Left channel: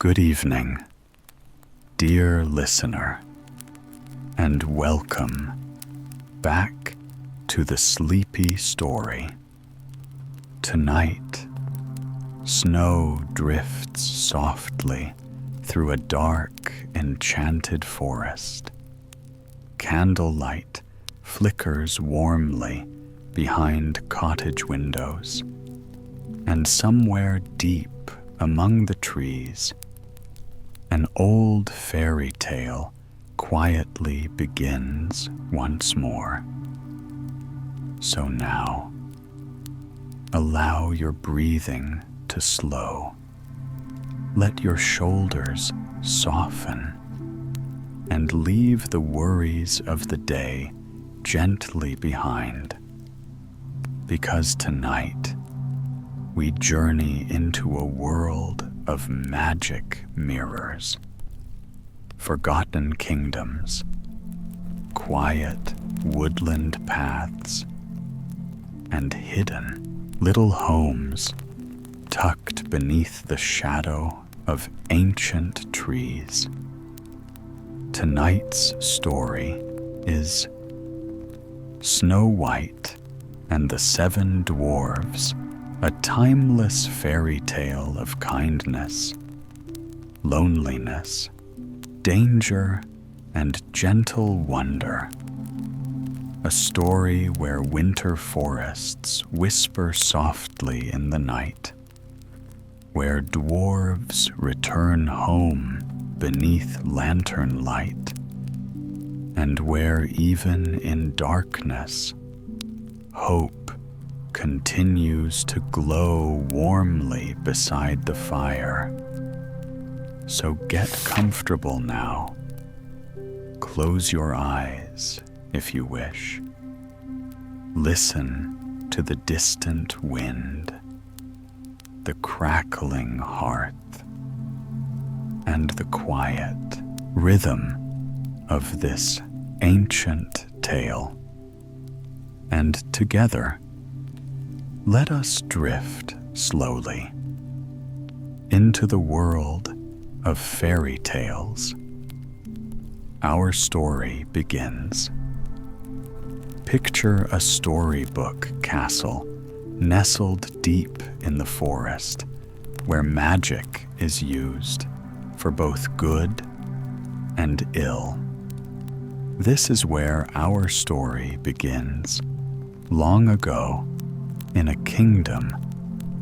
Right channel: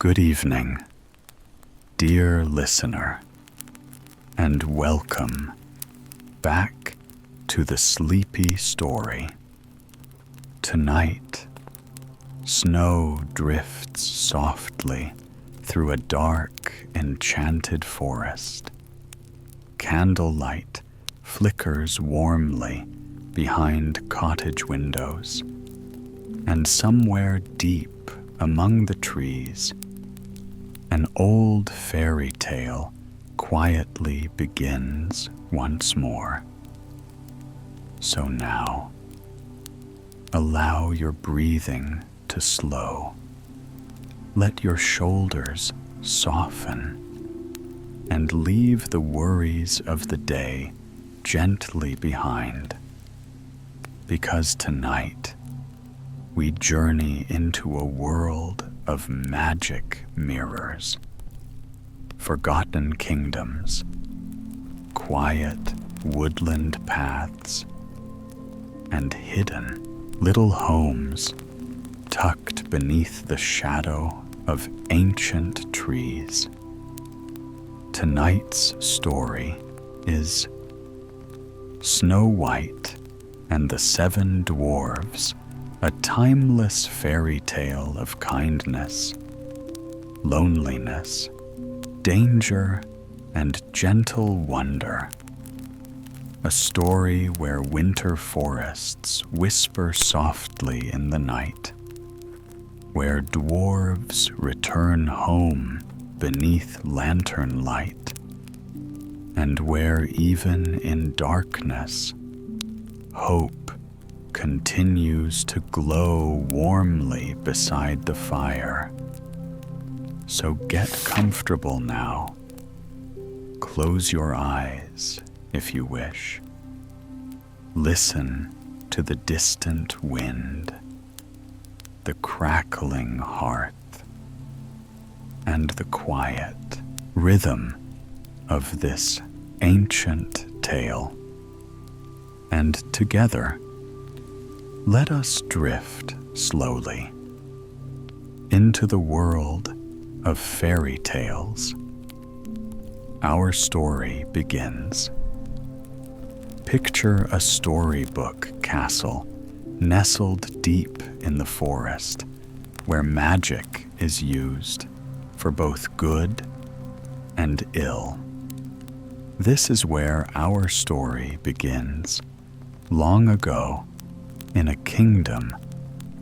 Good evening, dear listener, and welcome back to the Sleepy Story. Tonight, snow drifts softly through a dark, enchanted forest. Candlelight flickers warmly behind cottage windows, and somewhere deep among the trees, an old fairy tale quietly begins once more. So now, allow your breathing to slow. Let your shoulders soften and leave the worries of the day gently behind. Because tonight, we journey into a world of magic mirrors, forgotten kingdoms, quiet woodland paths, and hidden little homes tucked beneath the shadow of ancient trees. Tonight's story is Snow White and the Seven Dwarves, a timeless fairy tale of kindness, loneliness, danger, and gentle wonder. A story where winter forests whisper softly in the night, where dwarves return home beneath lantern light, and where even in darkness, hope continues to glow warmly beside the fire. So get comfortable now. Close your eyes if you wish. Listen to the distant wind, the crackling hearth, and the quiet rhythm of this ancient tale. And together, let us drift slowly into the world of fairy tales. Our story begins. Picture a storybook castle nestled deep in the forest, where magic is used for both good and ill. This is where our story begins. Long ago, in a kingdom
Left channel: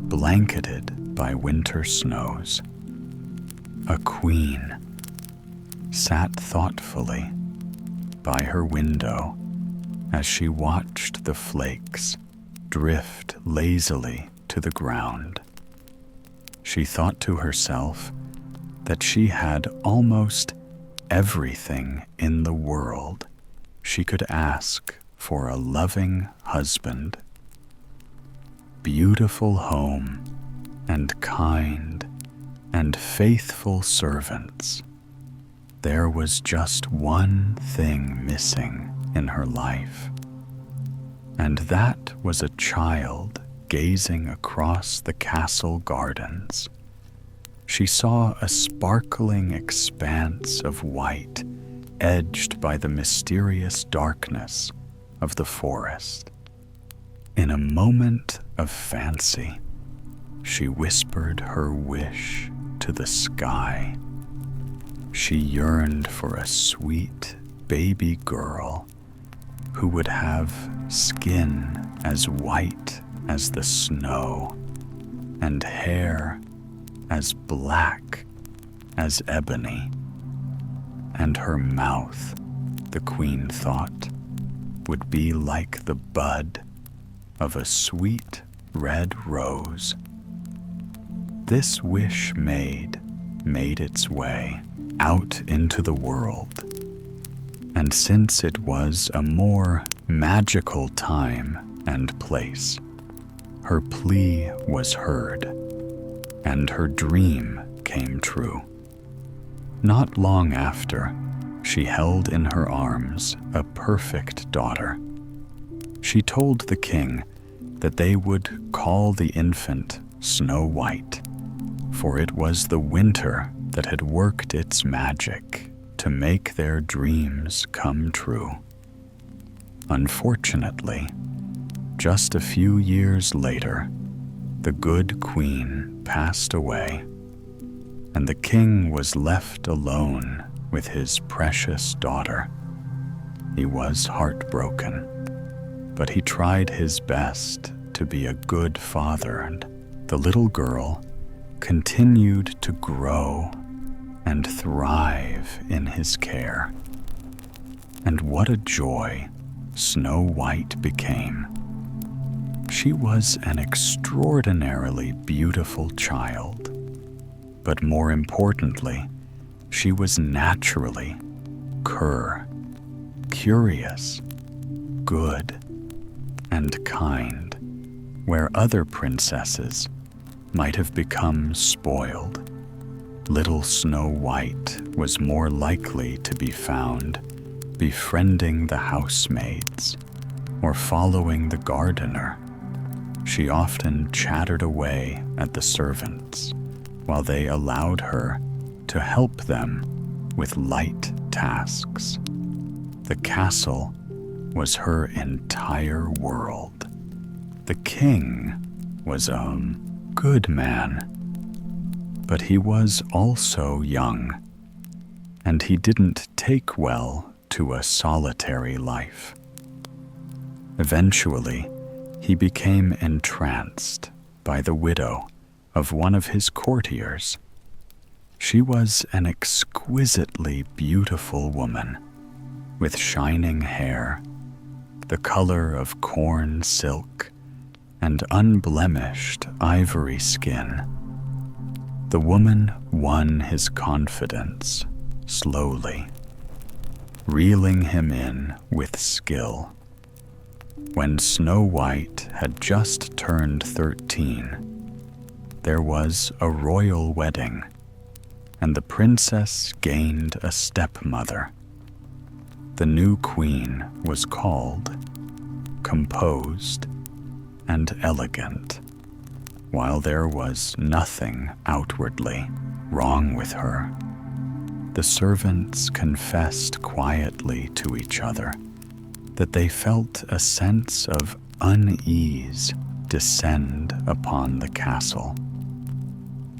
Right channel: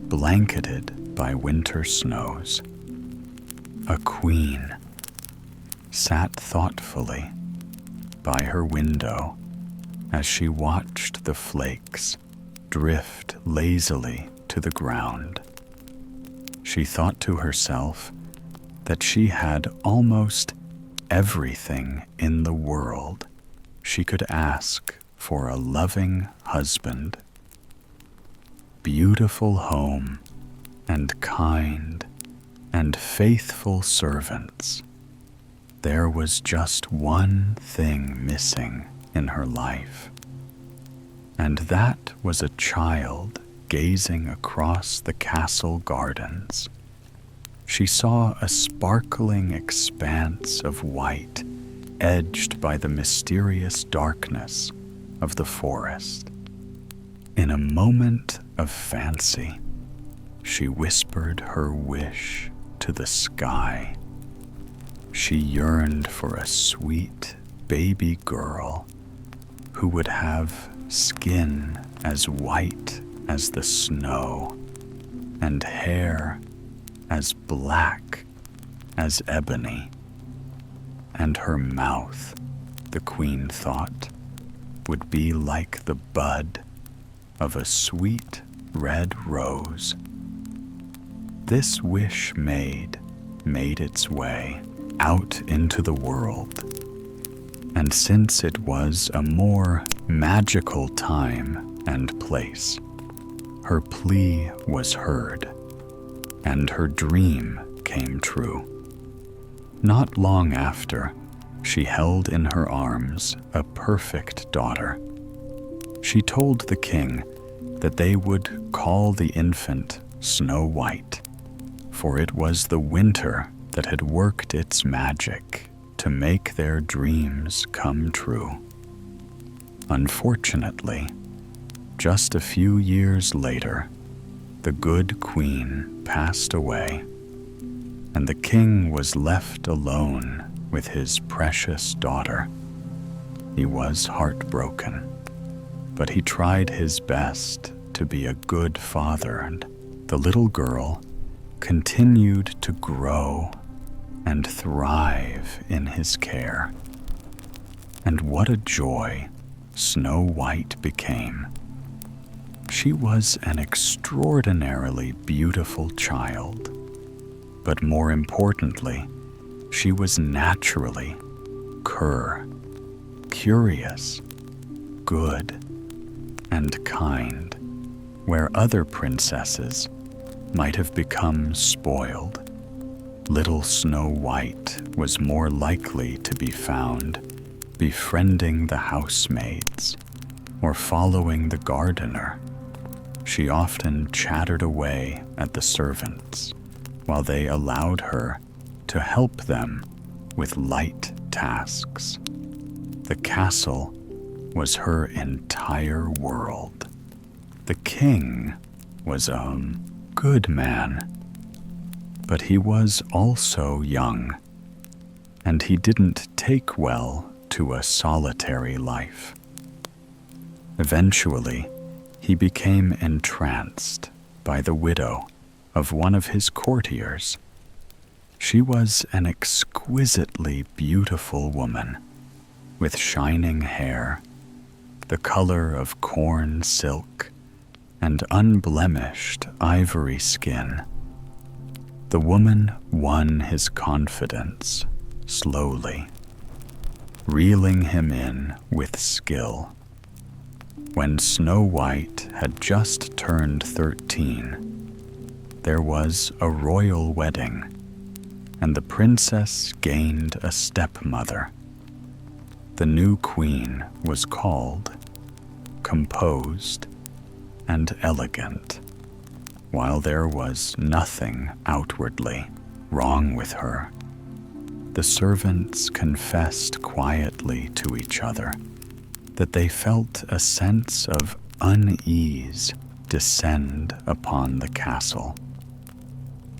blanketed by winter snows, a queen sat thoughtfully by her window as she watched the flakes drift lazily to the ground. She thought to herself that she had almost everything in the world she could ask for: a loving husband, beautiful home, and kind and faithful servants. There was just one thing missing in her life, and that was a child gazing across the castle gardens. She saw a sparkling expanse of white edged by the mysterious darkness of the forest. In a moment of fancy, she whispered her wish to the sky. She yearned for a sweet baby girl who would have skin as white as the snow and hair as black as ebony. And her mouth, the queen thought, would be like the bud of a sweet red rose. This wish made its way out into the world. And since it was a more magical time and place, her plea was heard, and her dream came true. Not long after, she held in her arms a perfect daughter. She told the king that they would call the infant Snow White, for it was the winter that had worked its magic to make their dreams come true. Unfortunately, just a few years later, the good queen passed away, and the king was left alone with his precious daughter. He was heartbroken, but he tried his best to be a good father, and the little girl continued to grow and thrive in his care. And what a joy Snow White became. She was an extraordinarily beautiful child, but more importantly, she was naturally curious, good, and kind, where other princesses might have become spoiled. Little Snow White was more likely to be found befriending the housemaids or following the gardener. She often chattered away at the servants while they allowed her to help them with light tasks. The castle was her entire world. The king was a good man, but he was also young, and he didn't take well to a solitary life. Eventually, he became entranced by the widow of one of his courtiers. She was an exquisitely beautiful woman with shining hair, the color of corn silk, and unblemished ivory skin. The woman won his confidence slowly, reeling him in with skill. When Snow White had just turned 13, there was a royal wedding, and the princess gained a stepmother. The new queen was called, composed, and elegant, while there was nothing outwardly wrong with her. The servants confessed quietly to each other that they felt a sense of unease descend upon the castle.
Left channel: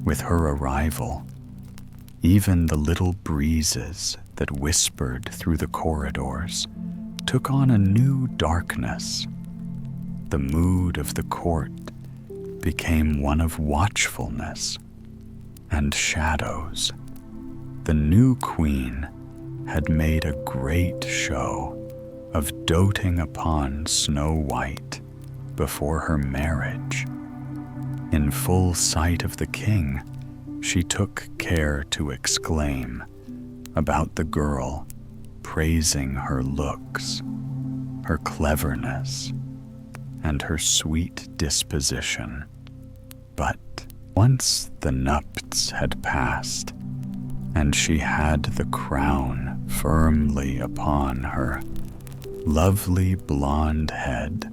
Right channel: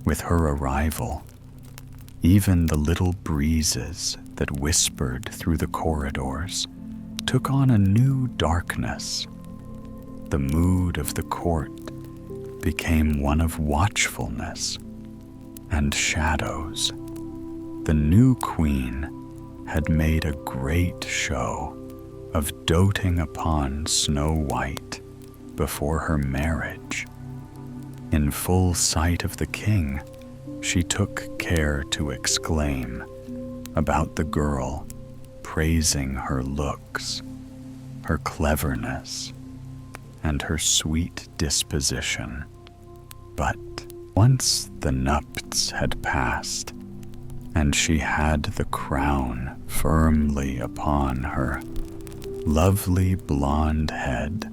With her arrival, even the little breezes that whispered through the corridors took on a new darkness. The mood of the court became one of watchfulness and shadows. The new queen had made a great show of doting upon Snow White before her marriage. In full sight of the king, she took care to exclaim about the girl, praising her looks, her cleverness, and her sweet disposition. But once the nupts had passed, and she had the crown firmly upon her lovely blonde head,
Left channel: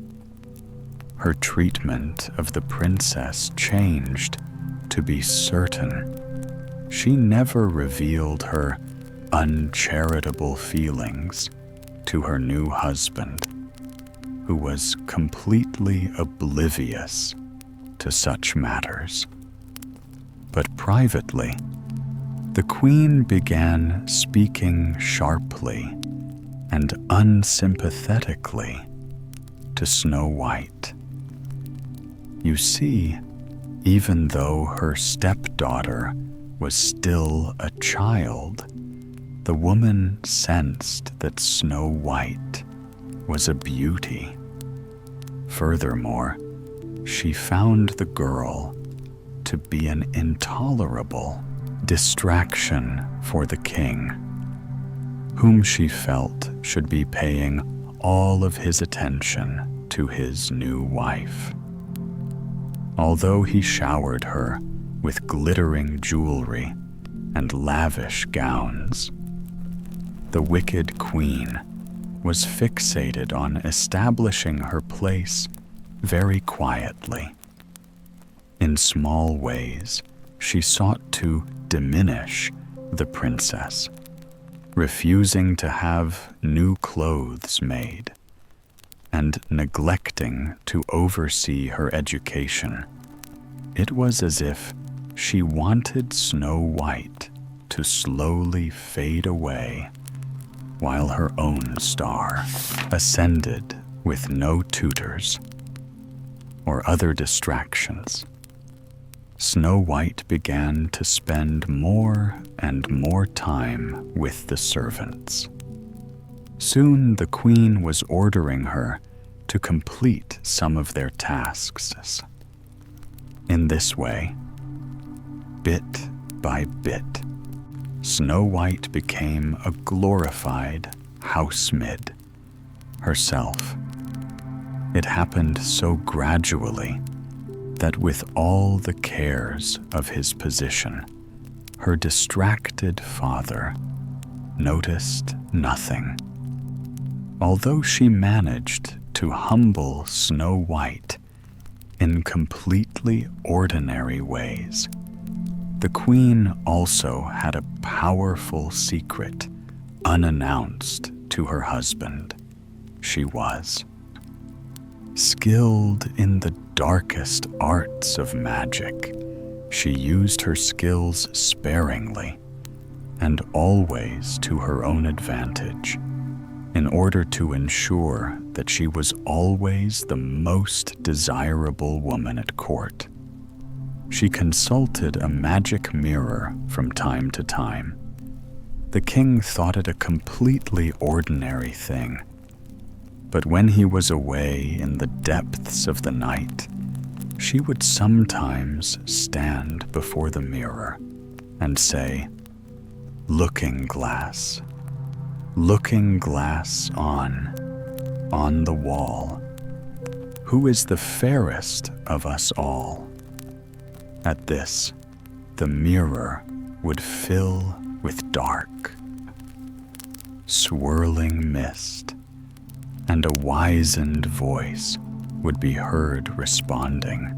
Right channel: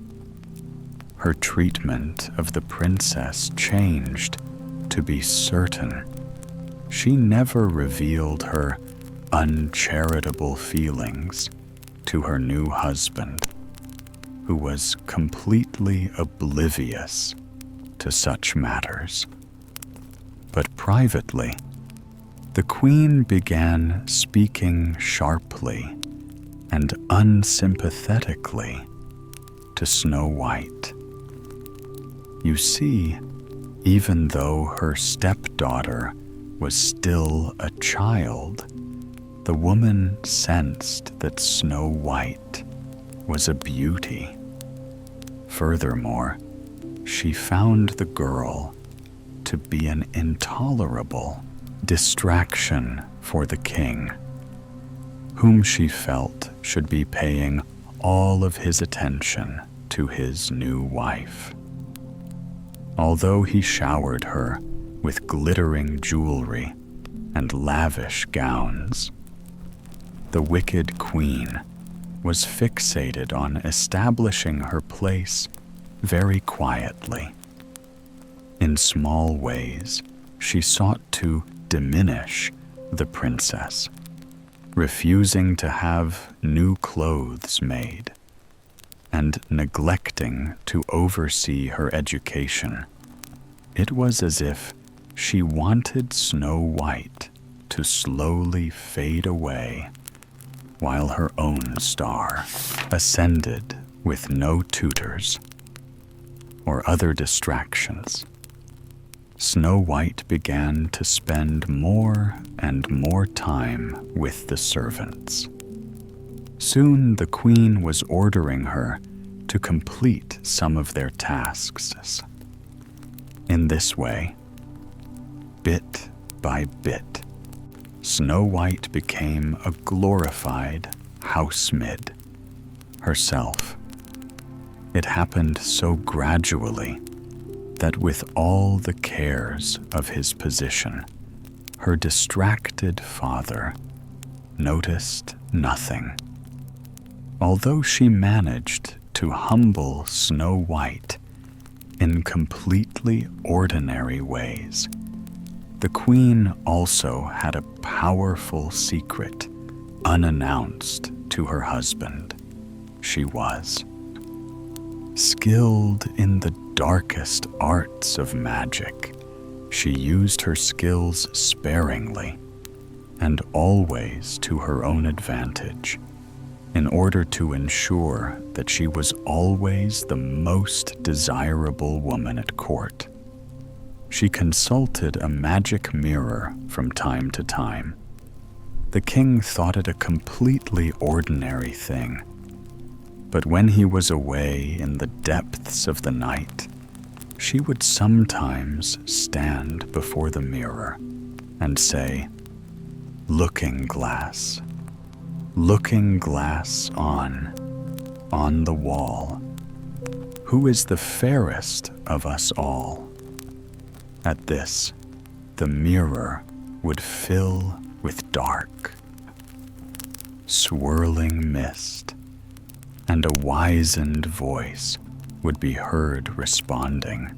her treatment of the princess changed to be certain. She never revealed her uncharitable feelings to her new husband, who was completely oblivious to such matters. But privately, the queen began speaking sharply and unsympathetically to Snow White. You see, even though her stepdaughter was still a child, the woman sensed that Snow White was a beauty. Furthermore, she found the girl to be an intolerable distraction for the king, whom she felt should be paying all of his attention to his new wife. Although he showered her with glittering jewelry and lavish gowns, the wicked queen was fixated on establishing her place very quietly. In small ways, she sought to diminish the princess, refusing to have new clothes made, and neglecting to oversee her education. It was as if she wanted Snow White to slowly fade away while her own star ascended with no tutors or other distractions. Snow White began to spend more and more time with the servants. Soon the queen was ordering her to complete some of their tasks. In this way, bit by bit, Snow White became a glorified housemaid herself. It happened so gradually that with all the cares of his position, her distracted father noticed nothing. Although she managed to humble Snow White in completely ordinary ways, the queen also had a powerful secret unannounced to her husband. She was skilled in the darkest arts of magic. She used her skills sparingly and always to her own advantage, in order to ensure that she was always the most desirable woman at court. She consulted a magic mirror from time to time. The king thought it a completely ordinary thing, but when he was away in the depths of the night, she would sometimes stand before the mirror and say, "Looking glass, looking glass on the wall, who is the fairest of us all?" At this, the mirror would fill with dark, swirling mist, and a wizened voice would be heard responding,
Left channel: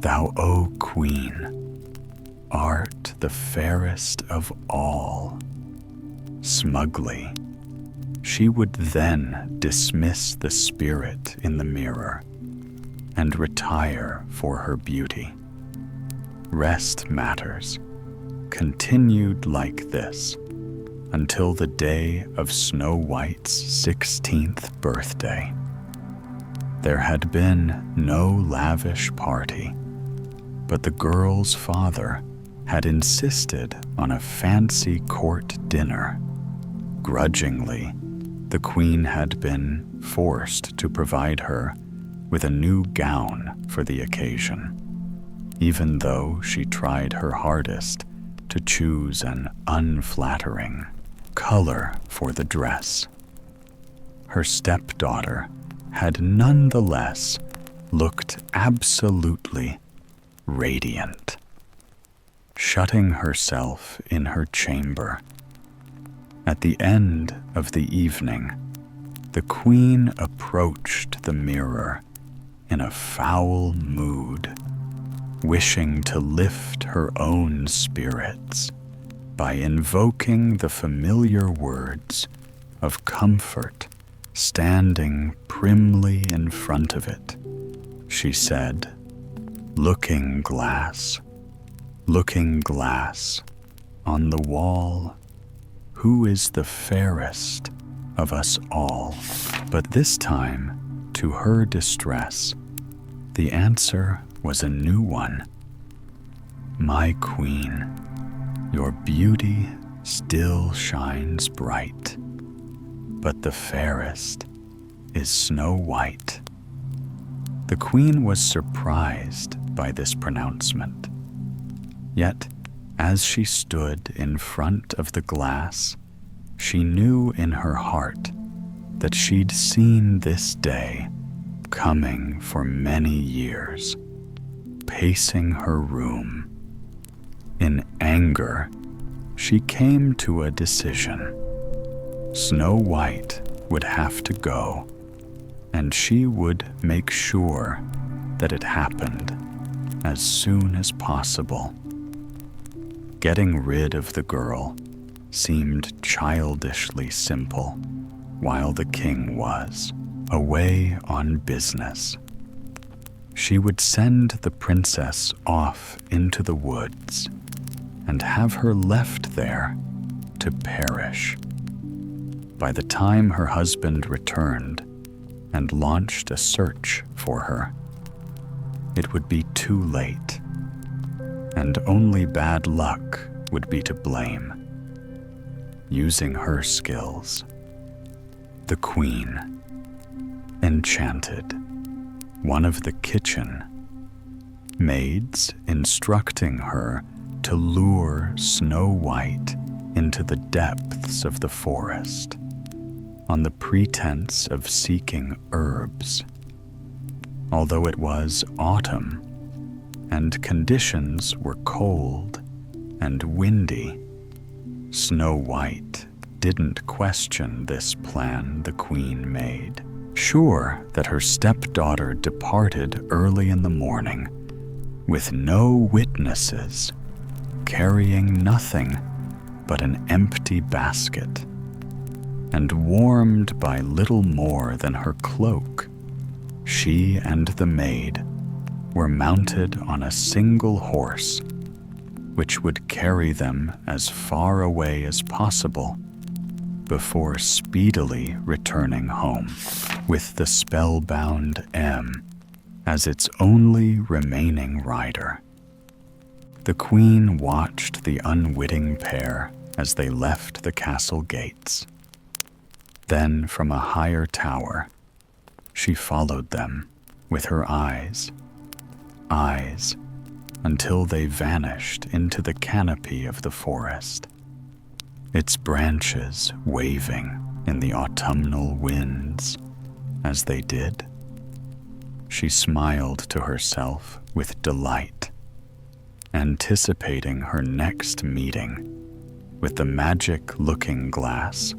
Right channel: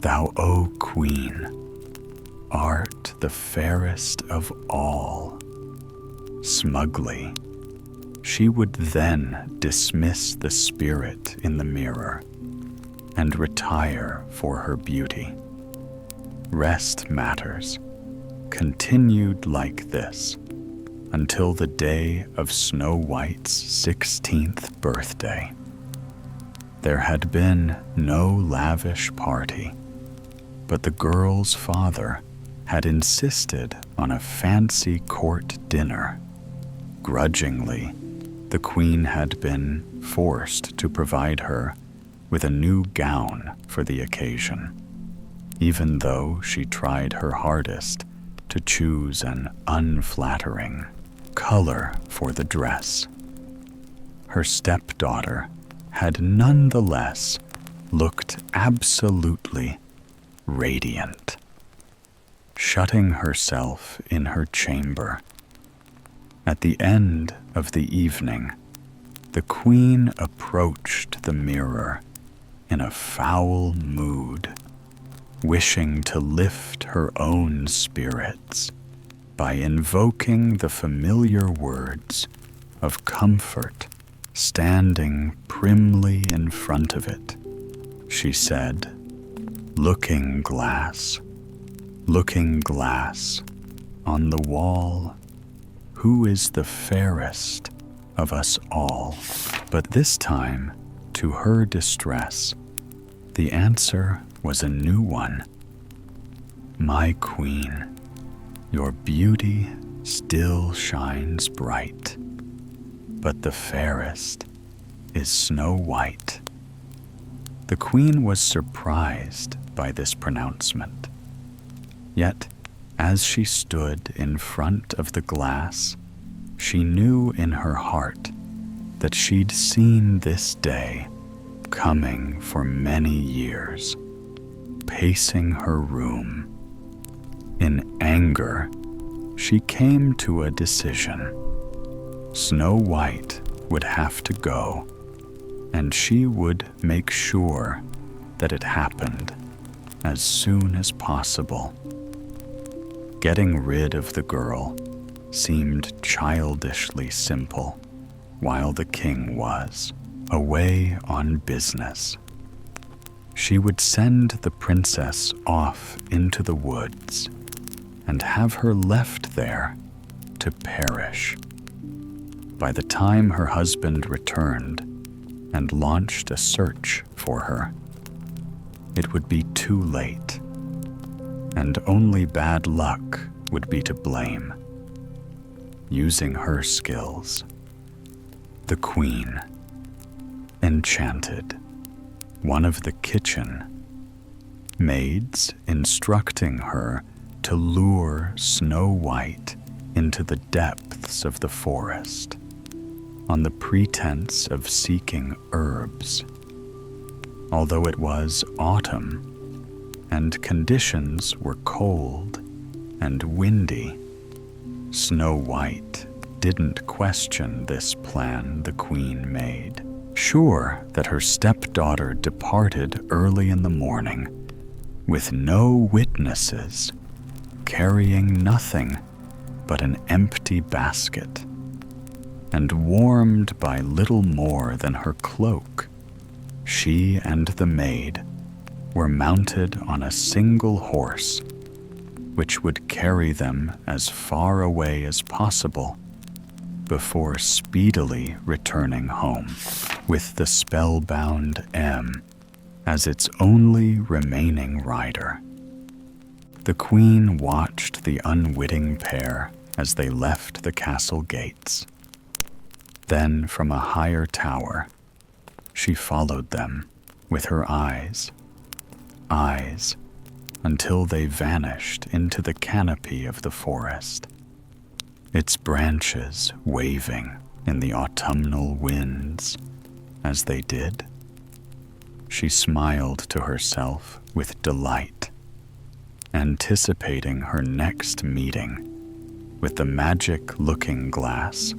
"Thou, O Queen, art the fairest of all." Smugly, she would then dismiss the spirit in the mirror and retire for her beauty. Rest matters continued like this until the day of Snow White's 16th birthday. There had been no lavish party, but the girl's father had insisted on a fancy court dinner. Grudgingly, the queen had been forced to provide her with a new gown for the occasion, even though she tried her hardest to choose an unflattering color for the dress. Her stepdaughter had nonetheless looked absolutely radiant. Shutting herself in her chamber, at the end of the evening, the queen approached the mirror in a foul mood, wishing to lift her own spirits by invoking the familiar words of comfort standing primly in front of it. She said, looking glass on the wall, who is the fairest of us all?" But this time, to her distress, the answer was a new one. "My queen, your beauty still shines bright, but the fairest is Snow White." The queen was surprised by this pronouncement. Yet, as she stood in front of the glass, she knew in her heart that she'd seen this day coming for many years. Pacing her room, in anger, she came to a decision. Snow White would have to go, and she would make sure that it happened as soon as possible. Getting rid of the girl seemed childishly simple, while the king was away on business. She would send the princess off into the woods and have her left there to perish. By the time her husband returned and launched a search for her, it would be too late, and only bad luck would be to blame. Using her skills, the queen enchanted one of the kitchen maids, instructing her to lure Snow White into the depths of the forest on the pretense of seeking herbs. Although it was autumn and conditions were cold and windy, Snow White didn't question this plan the queen made, sure that her stepdaughter departed early in the morning with no witnesses, carrying nothing but an empty basket, and warmed by little more than her cloak. She and the maid were mounted on a single horse, which would carry them as far away as possible before speedily returning home, with the spellbound M as its only remaining rider. The queen watched the unwitting pair as they left the castle gates. Then, from a higher tower, she followed them with her eyes, until they vanished into the canopy of the forest, its branches waving in the autumnal winds as they did. She smiled to herself with delight, anticipating her next meeting with the magic looking glass.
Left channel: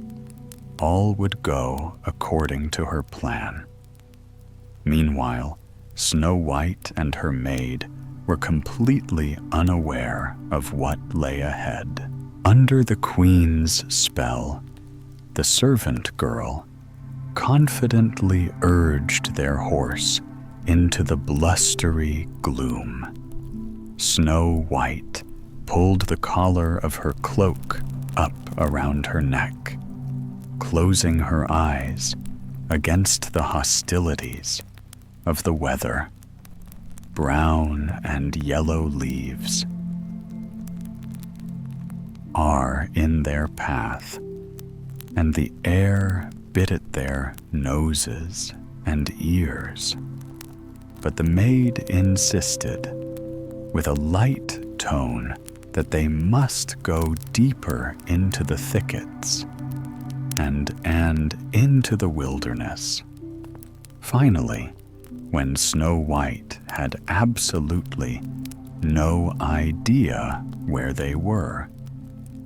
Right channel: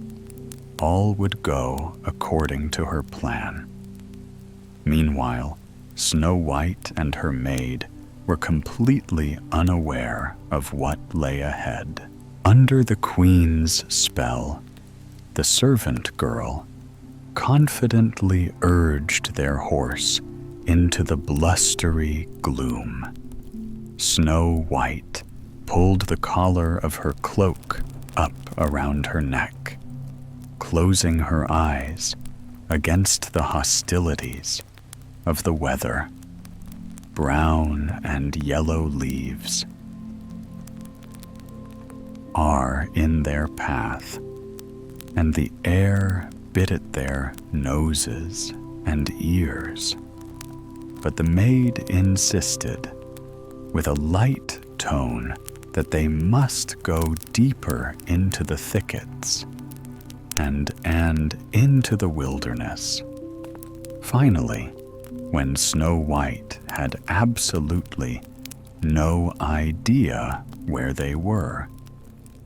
All would go according to her plan. Meanwhile, Snow White and her maid were completely unaware of what lay ahead. Under the queen's spell, the servant girl confidently urged their horse into the blustery gloom. Snow White pulled the collar of her cloak up around her neck, closing her eyes against the hostilities of the weather. Brown and yellow leaves are in their path, and the air bit at their noses and ears. But the maid insisted, with a light tone, that they must go deeper into the thickets and into the wilderness. Finally, when Snow White had absolutely no idea where they were,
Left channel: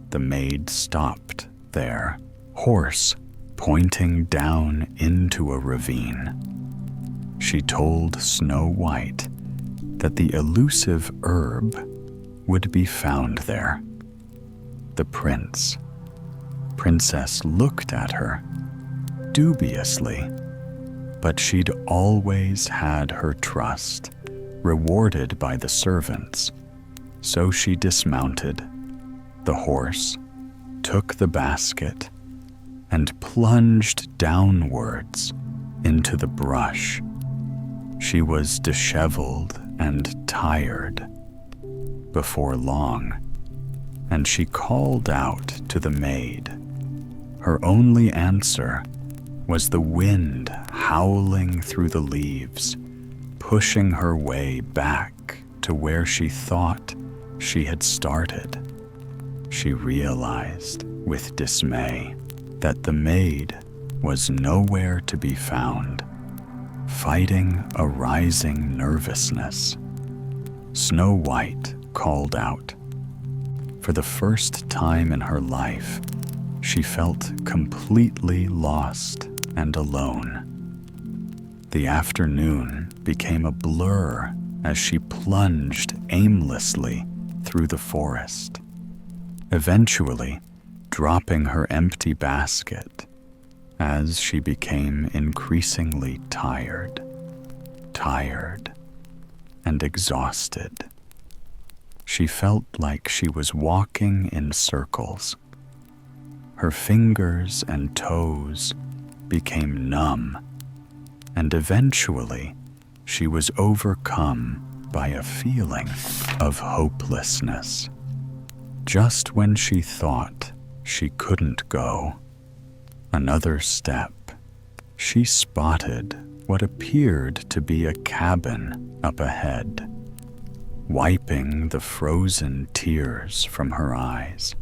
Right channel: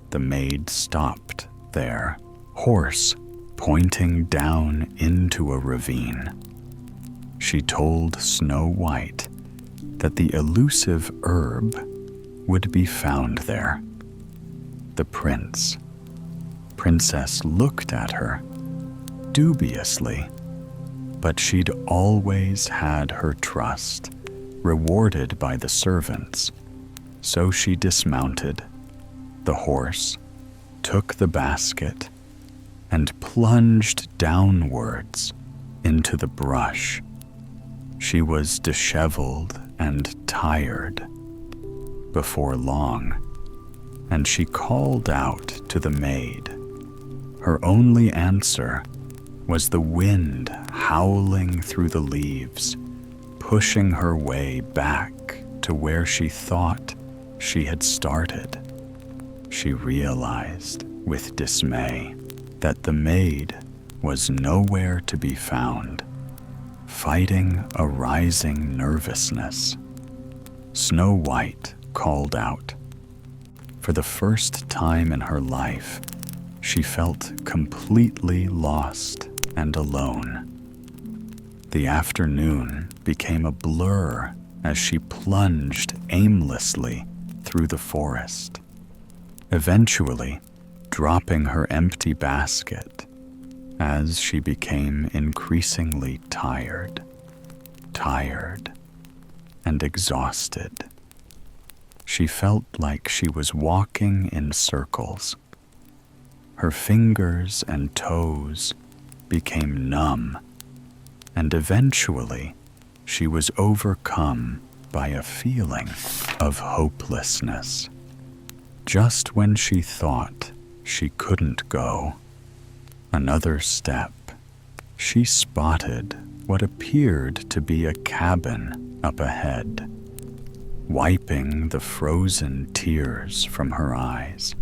the maid stopped their horse, pointing down into a ravine. She told Snow White that the elusive herb would be found there. The princess looked at her dubiously, but she'd always had her trust rewarded by the servants, so she dismounted the horse, took the basket, and plunged downwards into the brush. She was disheveled and tired before long, and she called out to the maid. Her only answer was the wind howling through the leaves, pushing her way back to where she thought she had started. She realized with dismay that the maid was nowhere to be found, fighting a rising nervousness. Snow White called out. For the first time in her life, she felt completely lost and alone. The afternoon became a blur as she plunged aimlessly through the forest. eventually dropping her empty basket as she became increasingly tired and exhausted. She felt like she was walking in circles. Her fingers and toes became numb, and eventually she was overcome by a feeling of hopelessness. Just when she thought she couldn't go another step, she spotted what appeared to be a cabin up ahead. Wiping the frozen tears from her eyes,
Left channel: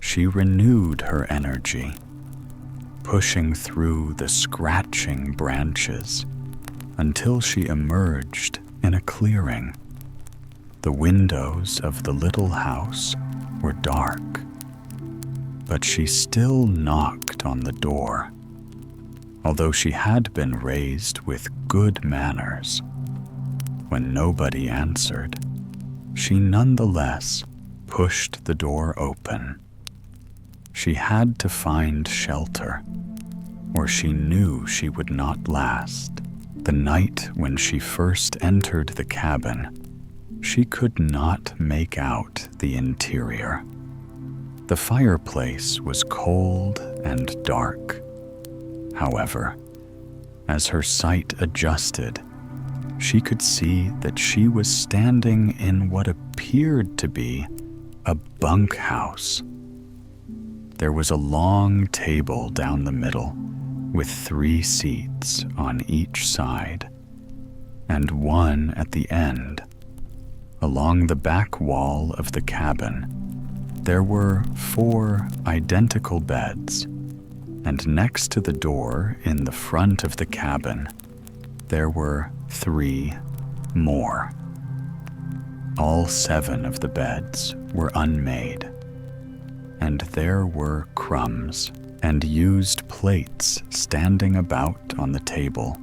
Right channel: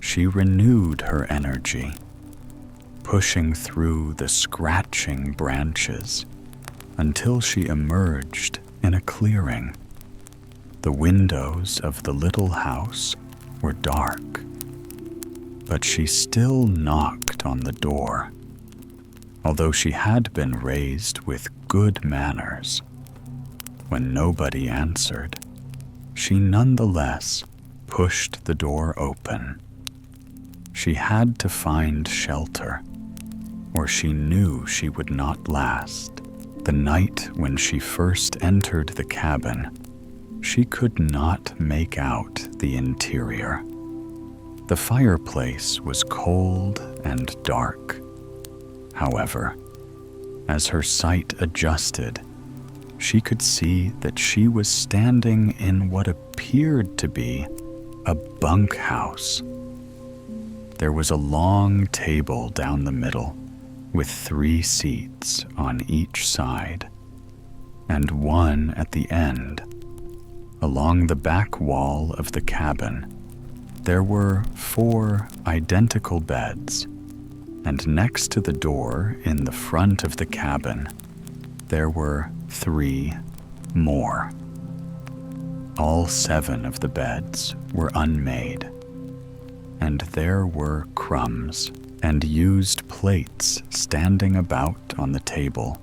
she renewed her energy, pushing through the scratching branches until she emerged in a clearing. The windows of the little house were dark, but she still knocked on the door. Although she had been raised with good manners, when nobody answered, she nonetheless pushed the door open. She had to find shelter, or she knew she would not last. The night when she first entered the cabin, she could not make out the interior. The fireplace was cold and dark. However, as her sight adjusted, she could see that she was standing in what appeared to be a bunkhouse. There was a long table down the middle with 3 seats on each side, and one at the end. Along the back wall of the cabin, there were 4 identical beds, and next to the door in the front of the cabin, there were 3 more. All 7 of the beds were unmade, and there were crumbs and used plates standing about on the table,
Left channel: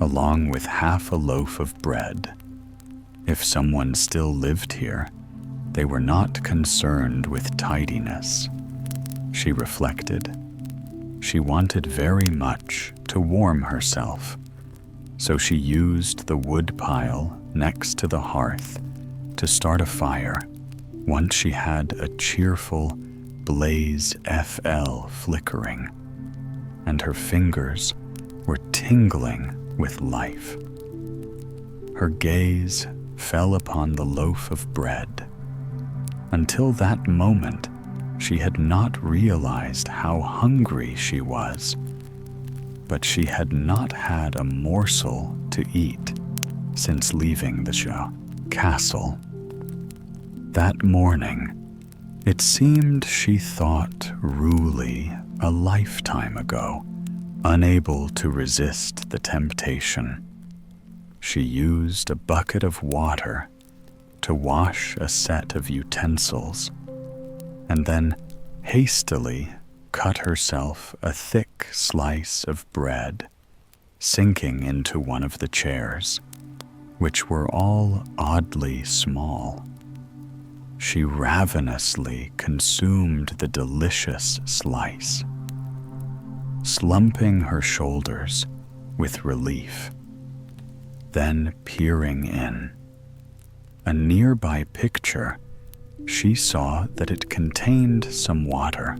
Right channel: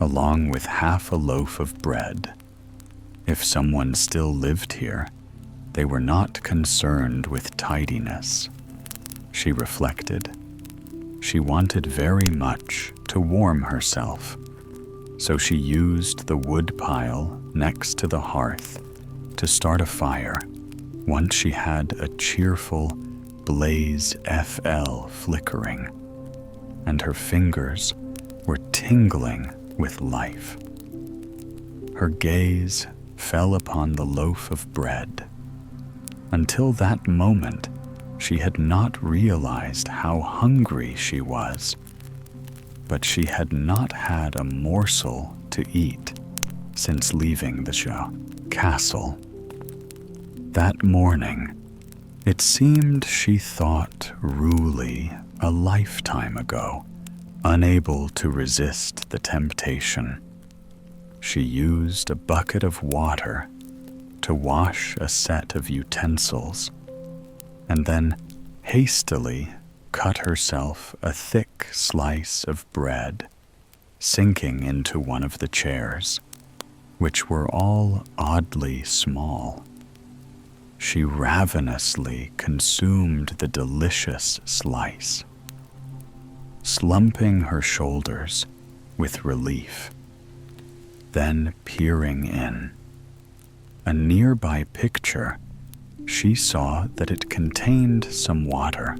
along with half a loaf of bread. If someone still lived here, they were not concerned with tidiness, she reflected. She wanted very much to warm herself, so she used the wood pile next to the hearth to start a fire once she had a cheerful blaze FL flickering, and her fingers were tingling with life. Her gaze fell upon the loaf of bread. Until that moment, she had not realized how hungry she was, but she had not had a morsel to eat since leaving the castle. That morning, it seemed she thought Ruli a lifetime ago, unable to resist the temptation. She used a bucket of water to wash a set of utensils, and then hastily cut herself a thick slice of bread, sinking into one of the chairs, which were all oddly small. She ravenously consumed the delicious slice, slumping her shoulders with relief, then peering in. A nearby picture, she saw that it contained some water.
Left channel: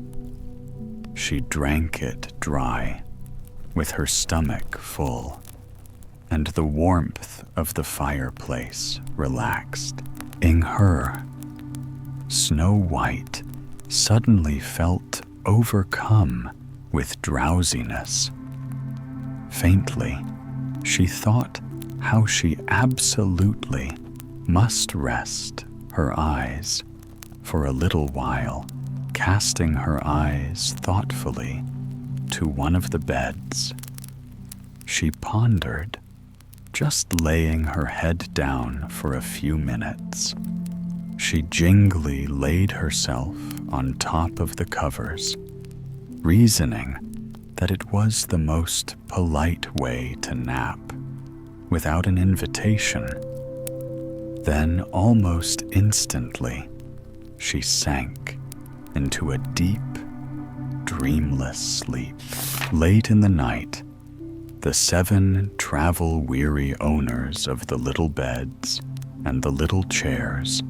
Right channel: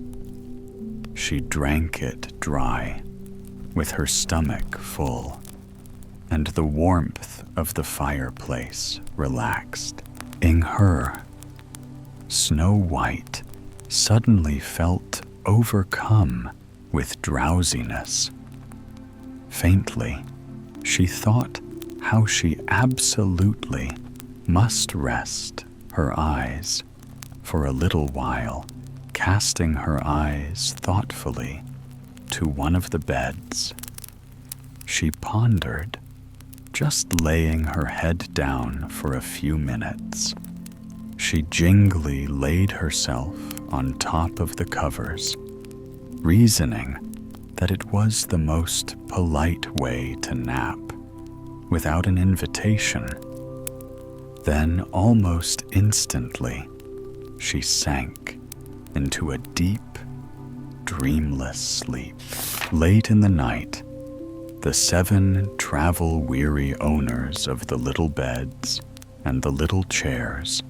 She drank it dry, with her stomach full, and the warmth of the fireplace relaxed. In her, Snow White suddenly felt overcome with drowsiness. Faintly, she thought how she absolutely must rest her eyes for a little while, casting her eyes thoughtfully to one of the beds. She pondered, just laying her head down for a few minutes. She gingerly laid herself on top of the covers, reasoning that it was the most polite way to nap, without an invitation. Then, almost instantly, she sank into a deep, dreamless sleep. Late in the night, the 7 travel-weary owners of the little beds and the little chairs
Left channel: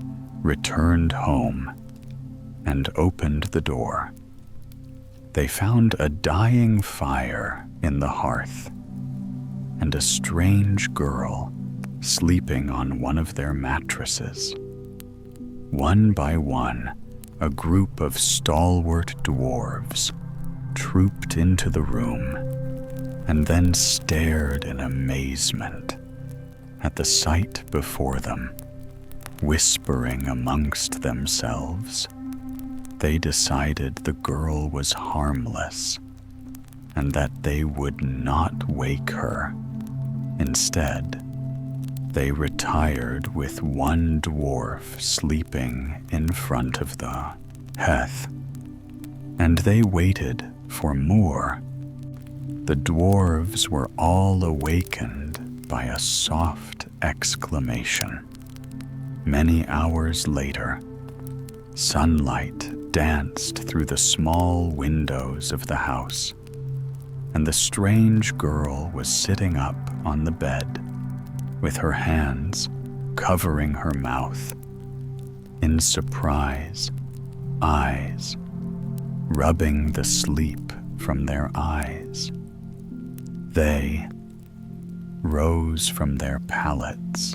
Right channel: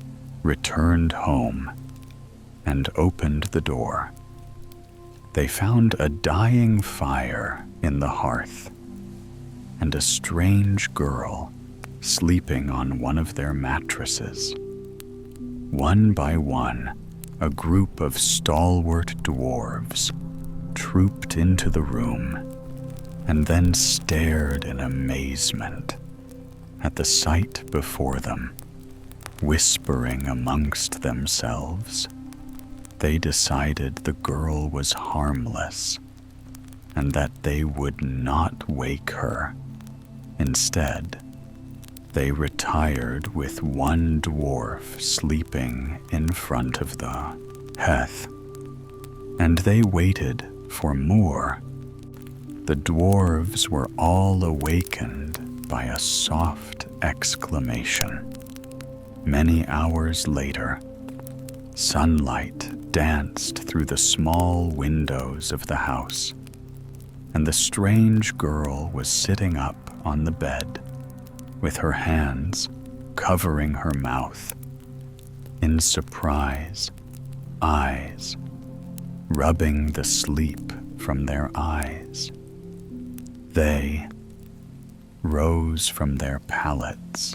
returned home and opened the door. They found a dying fire in the hearth and a strange girl sleeping on one of their mattresses. One by one, a group of stalwart dwarves trooped into the room and then stared in amazement at the sight before them. Whispering amongst themselves, they decided the girl was harmless and that they would not wake her. Instead, they retired with one dwarf sleeping in front of the hearth, and they waited for more. The dwarves were all awakened by a soft exclamation. Many hours later, sunlight danced through the small windows of the house, and the strange girl was sitting up on the bed with her hands covering her mouth. In surprise, eyes rubbing the sleep from their eyes. They rose from their pallets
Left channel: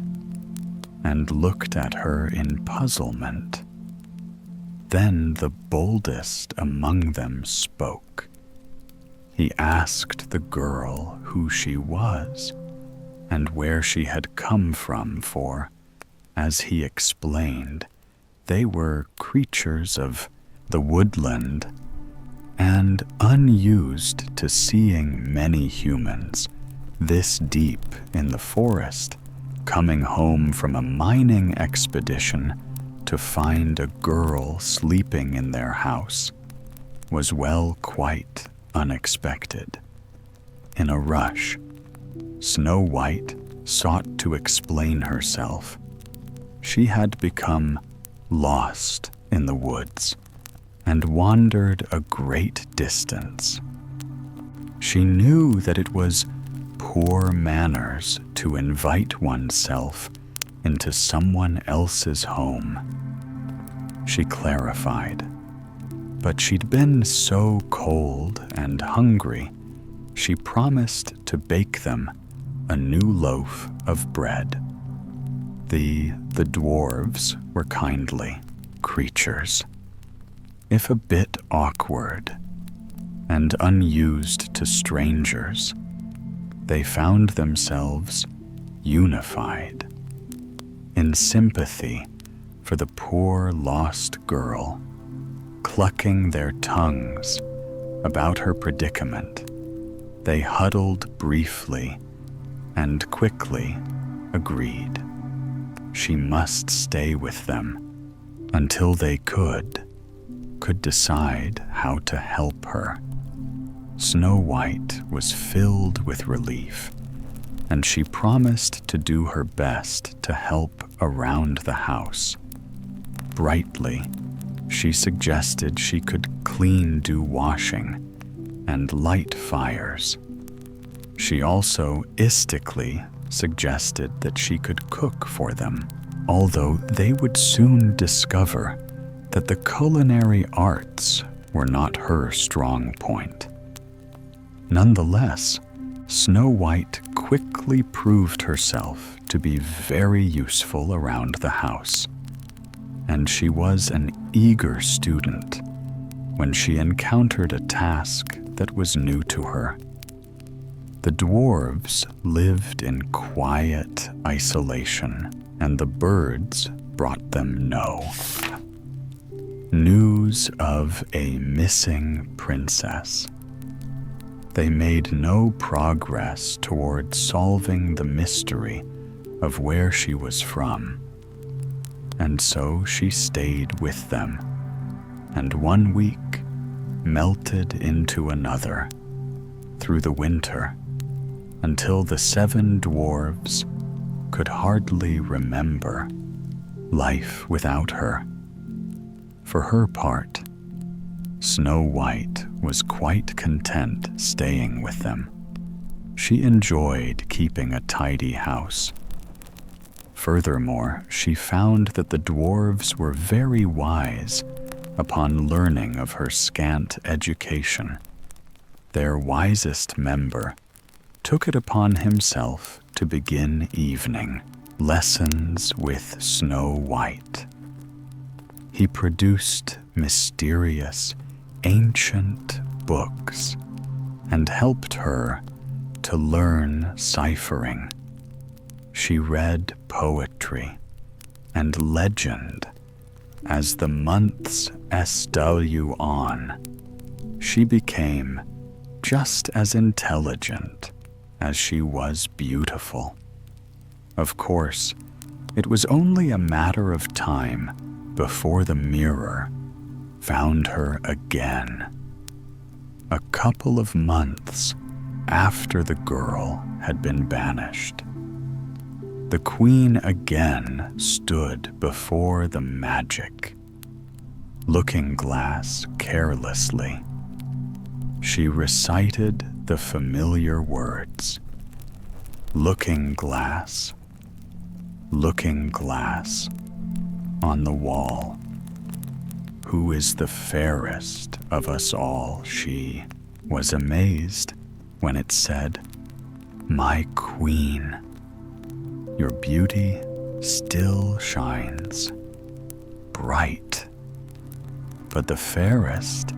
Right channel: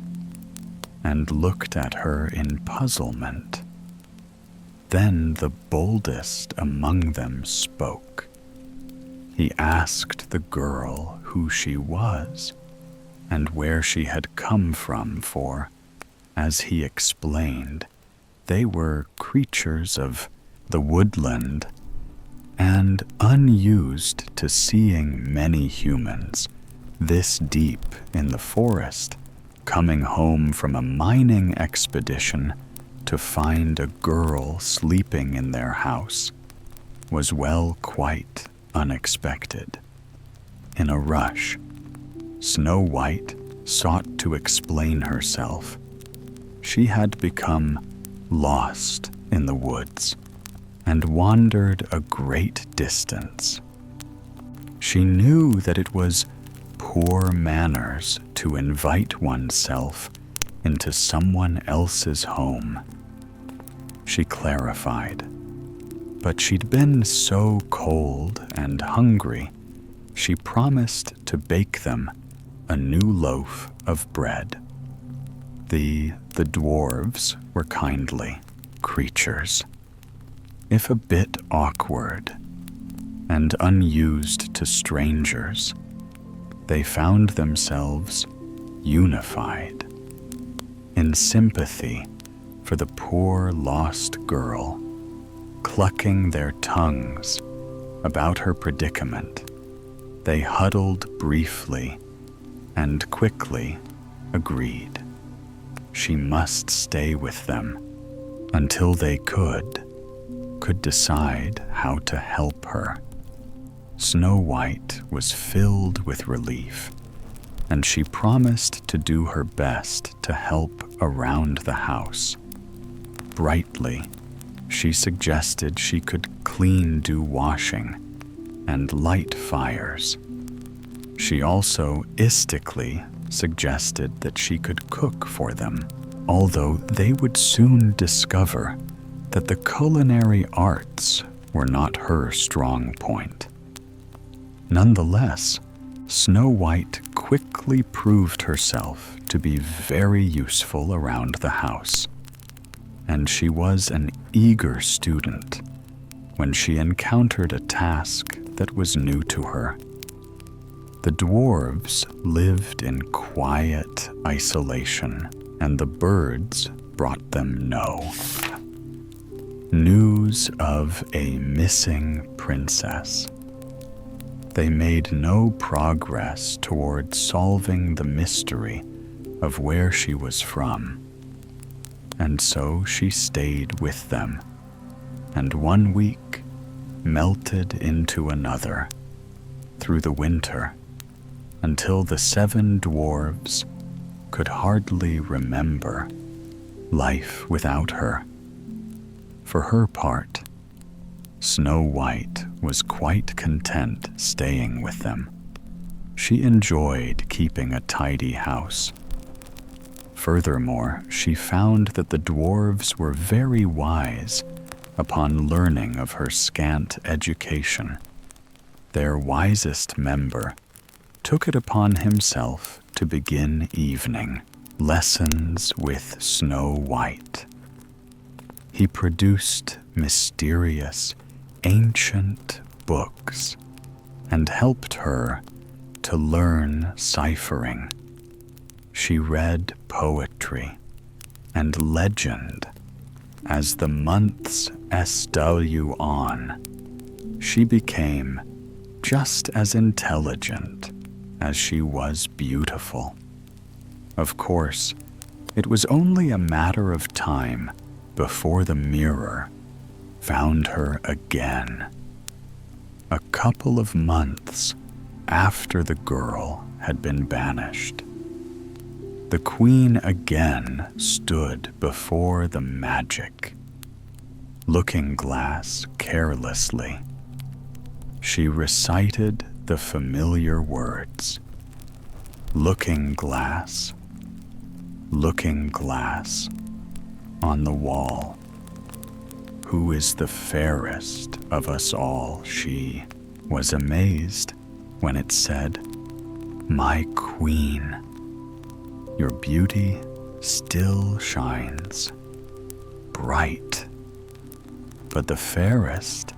and looked at her in puzzlement. Then the boldest among them spoke. He asked the girl who she was and where she had come from, for, as he explained, they were creatures of the woodland and unused to seeing many humans this deep in the forest, coming home from a mining expedition to find a girl sleeping in their house was quite unexpected. In a rush, Snow White sought to explain herself. She had become lost in the woods and wandered a great distance. She knew that it was poor manners to invite oneself into someone else's home. She clarified, but she'd been so cold and hungry, she promised to bake them a new loaf of bread. The dwarves were kindly creatures, if a bit awkward and unused to strangers. They found themselves unified in sympathy for the poor lost girl, clucking their tongues about her predicament. They huddled briefly and quickly agreed she must stay with them until they could decide how to help her. Snow White was filled with relief, and she promised to do her best to help around the house. Brightly, she suggested she could do washing and light fires. She also istically suggested that she could cook for them, although they would soon discover that the culinary arts were not her strong point. Nonetheless, Snow White quickly proved herself to be very useful around the house, and she was an eager student when she encountered a task that was new to her. The dwarves lived in quiet isolation, and the birds brought them no news of a missing princess. They made no progress toward solving the mystery of where she was from, and so she stayed with them, and 1 week melted into another through the winter until the 7 dwarves could hardly remember life without her. For her part, Snow White was quite content staying with them. She enjoyed keeping a tidy house. Furthermore, she found that the dwarves were very wise upon learning of her scant education. Their wisest member took it upon himself to begin evening lessons with Snow White. He produced mysterious, ancient books and helped her to learn ciphering. She read poetry and legend. As the months SW on, she became just as intelligent as she was beautiful. Of course, it was only a matter of time before the mirror found her again. A couple of months after the girl had been banished, the queen again stood before the magic looking-glass carelessly. She recited the familiar words, looking-glass, looking-glass, on the wall. Who is the fairest of us all? She was amazed when it said, my queen. Your beauty still shines bright, but the fairest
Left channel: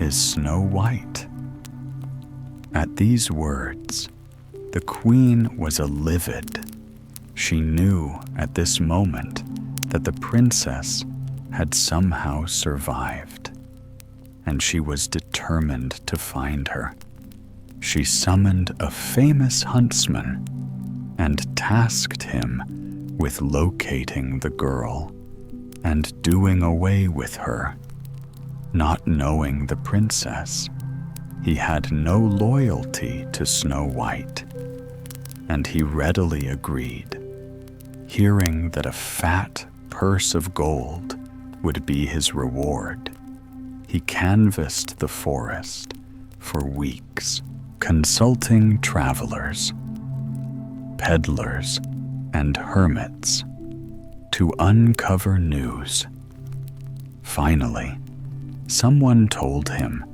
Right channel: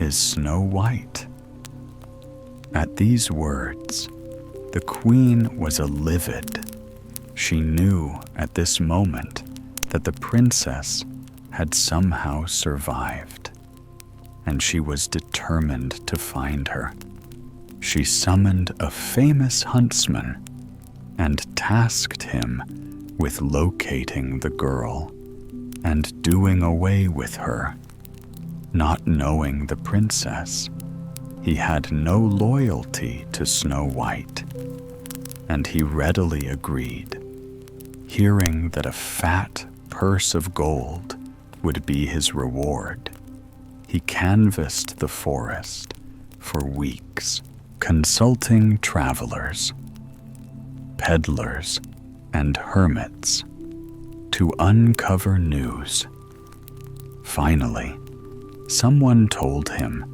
is Snow White. At these words, the queen was livid. She knew at this moment that the princess had somehow survived, and she was determined to find her. She summoned a famous huntsman and tasked him with locating the girl and doing away with her. Not knowing the princess, he had no loyalty to Snow White, and he readily agreed, hearing that a fat purse of gold would be his reward. He canvassed the forest for weeks, consulting travelers, peddlers, and hermits to uncover news. Finally, someone told him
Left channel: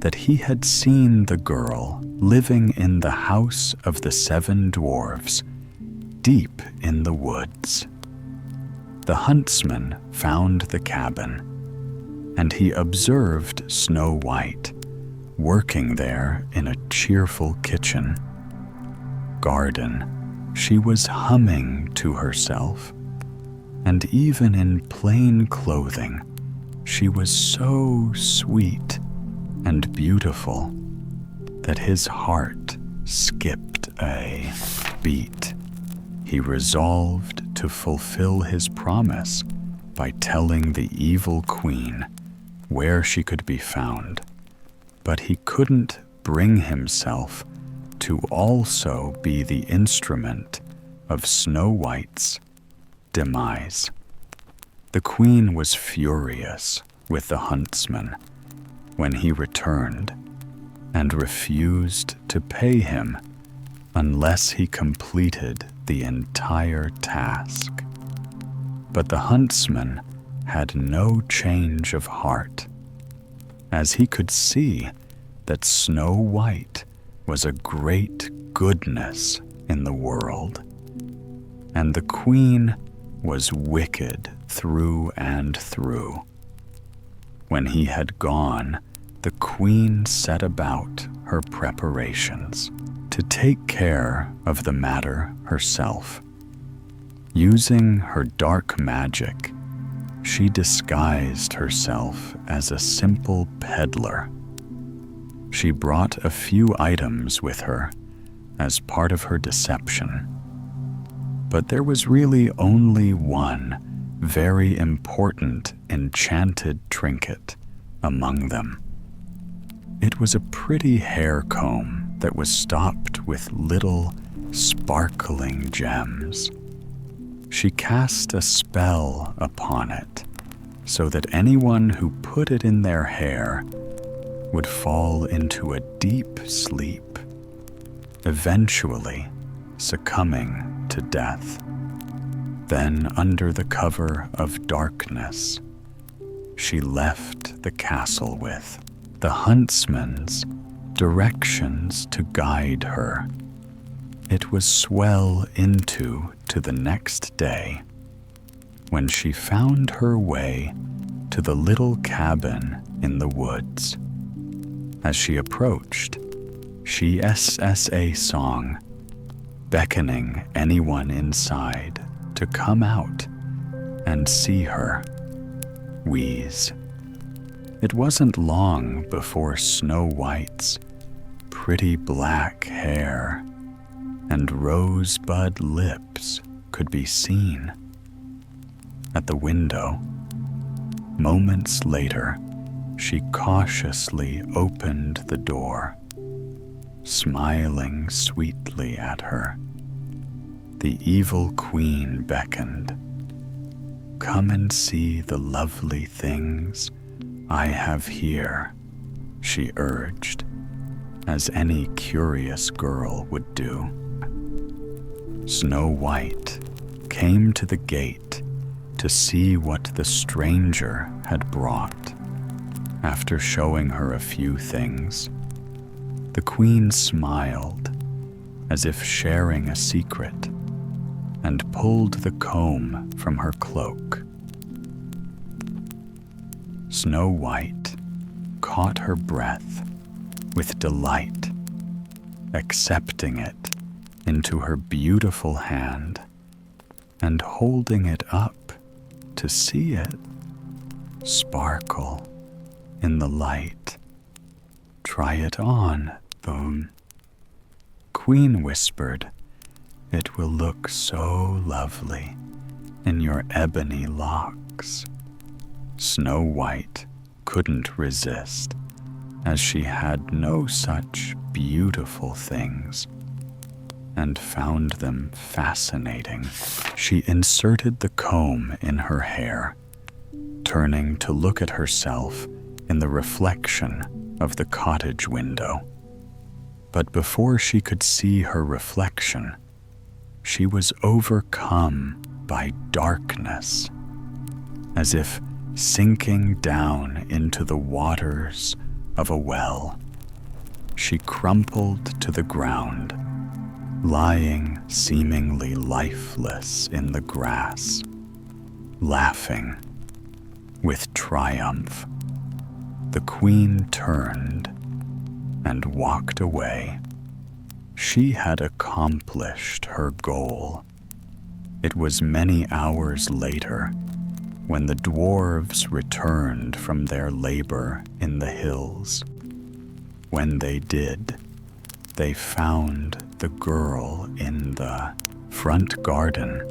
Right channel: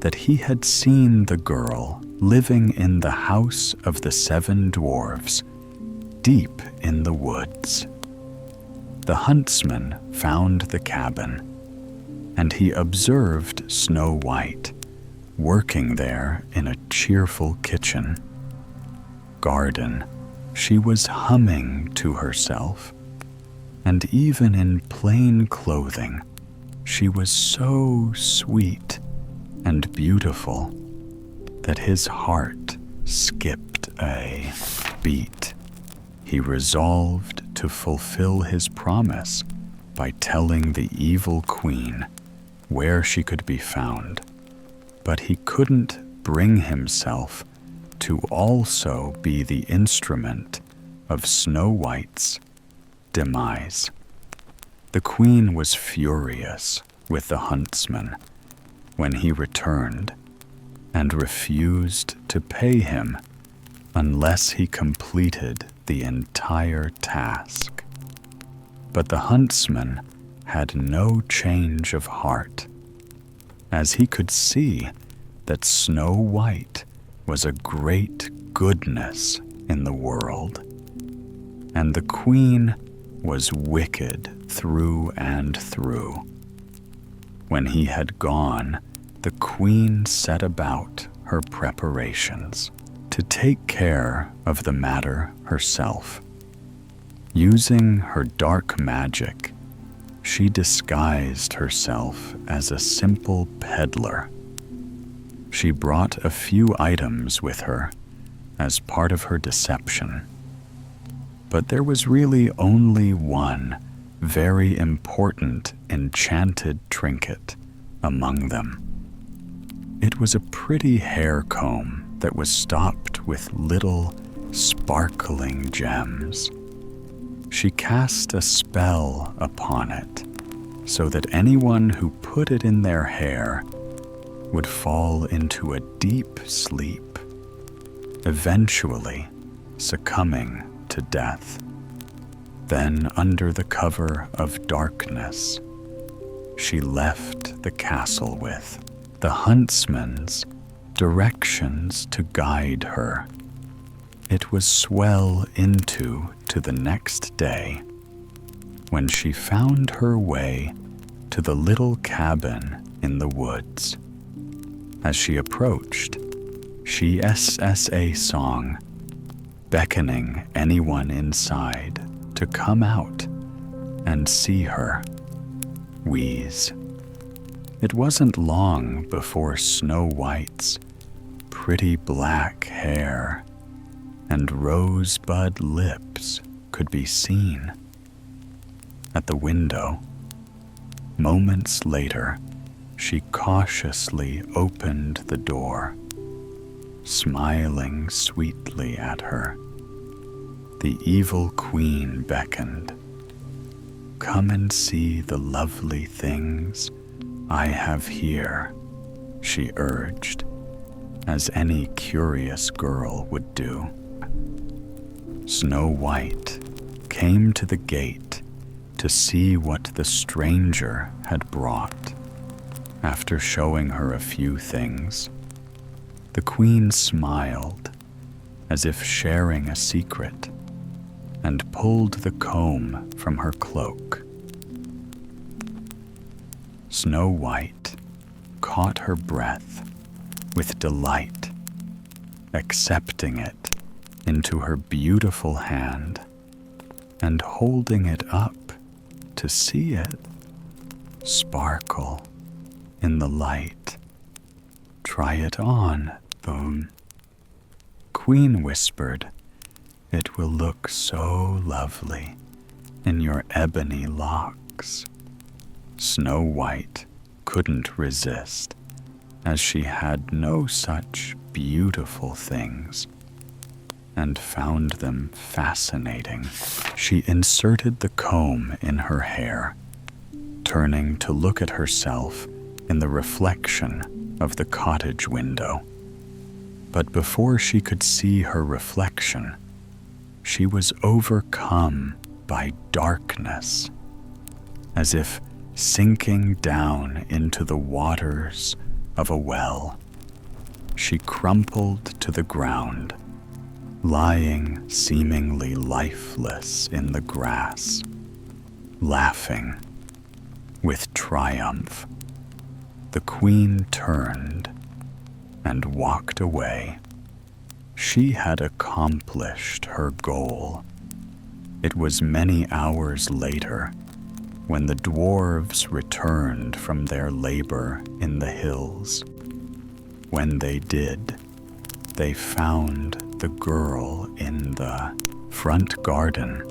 that he had seen the girl living in the house of the 7 dwarves, deep in the woods. The huntsman found the cabin, and he observed Snow White working there in a cheerful kitchen. Garden, she was humming to herself, and even in plain clothing, she was so sweet and beautiful that his heart skipped a beat. He resolved to fulfill his promise by telling the evil queen where she could be found, but he couldn't bring himself to also be the instrument of Snow White's demise. The queen was furious with the huntsman when he returned and refused to pay him unless he completed the entire task. But the huntsman had no change of heart, as he could see that Snow White was a great goodness in the world, and the queen was wicked through and through. When he had gone, the queen set about her preparations to take care of the matter herself. Using her dark magic, she disguised herself as a simple peddler. She brought a few items with her as part of her deception, but there was really only one very important enchanted trinket among them. It was a pretty hair comb that was stopped with little sparkling gems. She cast a spell upon it, so that anyone who put it in their hair would fall into a deep sleep, eventually succumbing to death. Then, under the cover of darkness, she left the castle with the huntsman's directions to guide her. It was well into the next day when she found her way to the little cabin in the woods. As she approached, she sang a song, beckoning anyone inside to come out and see her wheeze. It wasn't long before Snow White's pretty black hair and rosebud lips could be seen at the window. Moments later, she cautiously opened the door, smiling sweetly at her. The evil queen beckoned. "Come and see the lovely things I have here," she urged, as any curious girl would do. Snow White came to the gate to see what the stranger had brought. After showing her a few things, the queen smiled as if sharing a secret and pulled the comb from her cloak. Snow White caught her breath with delight, accepting it into her beautiful hand and holding it up to see it sparkle in the light. "Try it on, Boom," Queen whispered. "It will look so lovely in your ebony locks." Snow White couldn't resist, as she had no such beautiful things, and found them fascinating. She inserted the comb in her hair, turning to look at herself in the reflection of the cottage window. But before she could see her reflection, she was overcome by darkness, as if sinking down into the waters of a well. She crumpled to the ground, lying seemingly lifeless in the grass, laughing with triumph. The queen turned and walked away. She had accomplished her goal. It was many hours later when the dwarves returned from their labor in the hills. When they did, they found the girl in the front garden,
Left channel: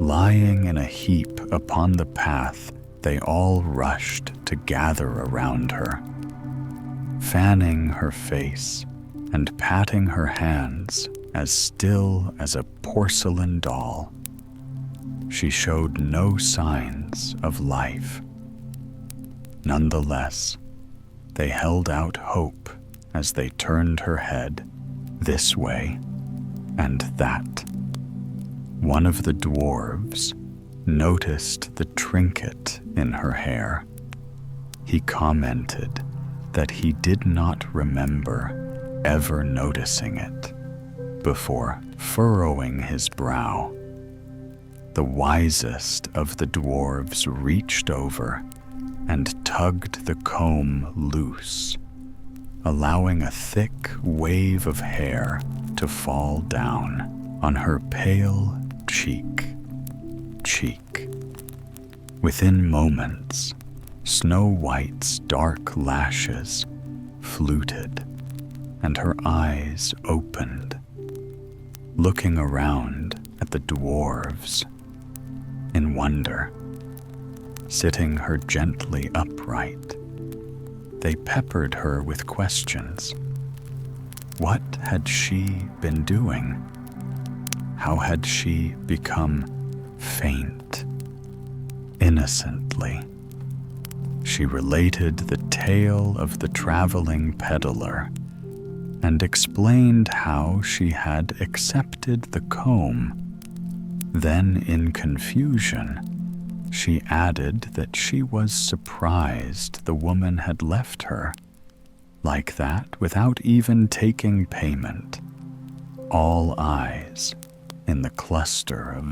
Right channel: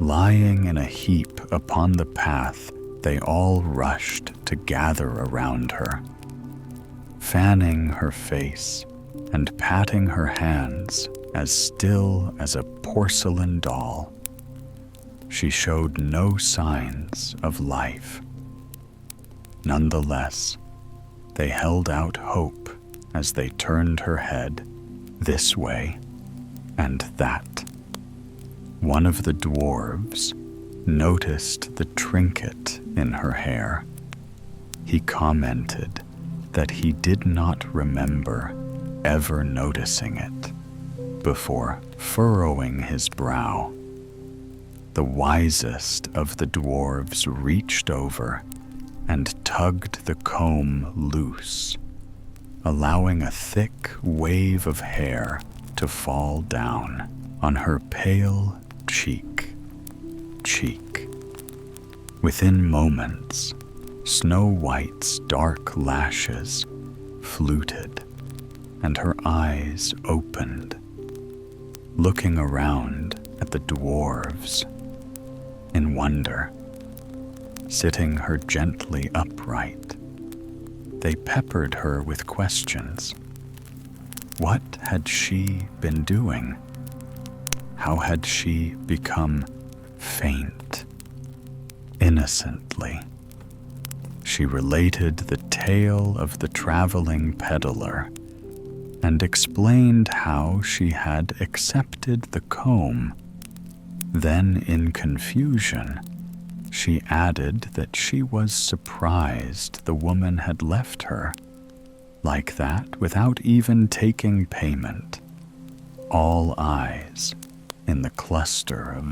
lying in a heap upon the path. They all rushed to gather around her, fanning her face and patting her hands as still as a porcelain doll. She showed no signs of life. Nonetheless, they held out hope as they turned her head this way and that. One of the dwarves noticed the trinket in her hair. He commented that he did not remember ever noticing it before furrowing his brow. The wisest of the dwarves reached over and tugged the comb loose, allowing a thick wave of hair to fall down on her pale cheek. Within moments, Snow White's dark lashes fluted and her eyes opened, looking around at the dwarves in wonder. Sitting her gently upright, they peppered her with questions. What had she been doing? How had she become faint? Innocently, she related the tale of the traveling peddler and explained how she had accepted the comb. Then, in confusion, she added that she was surprised the woman had left her like that without even taking payment. All eyes in the cluster of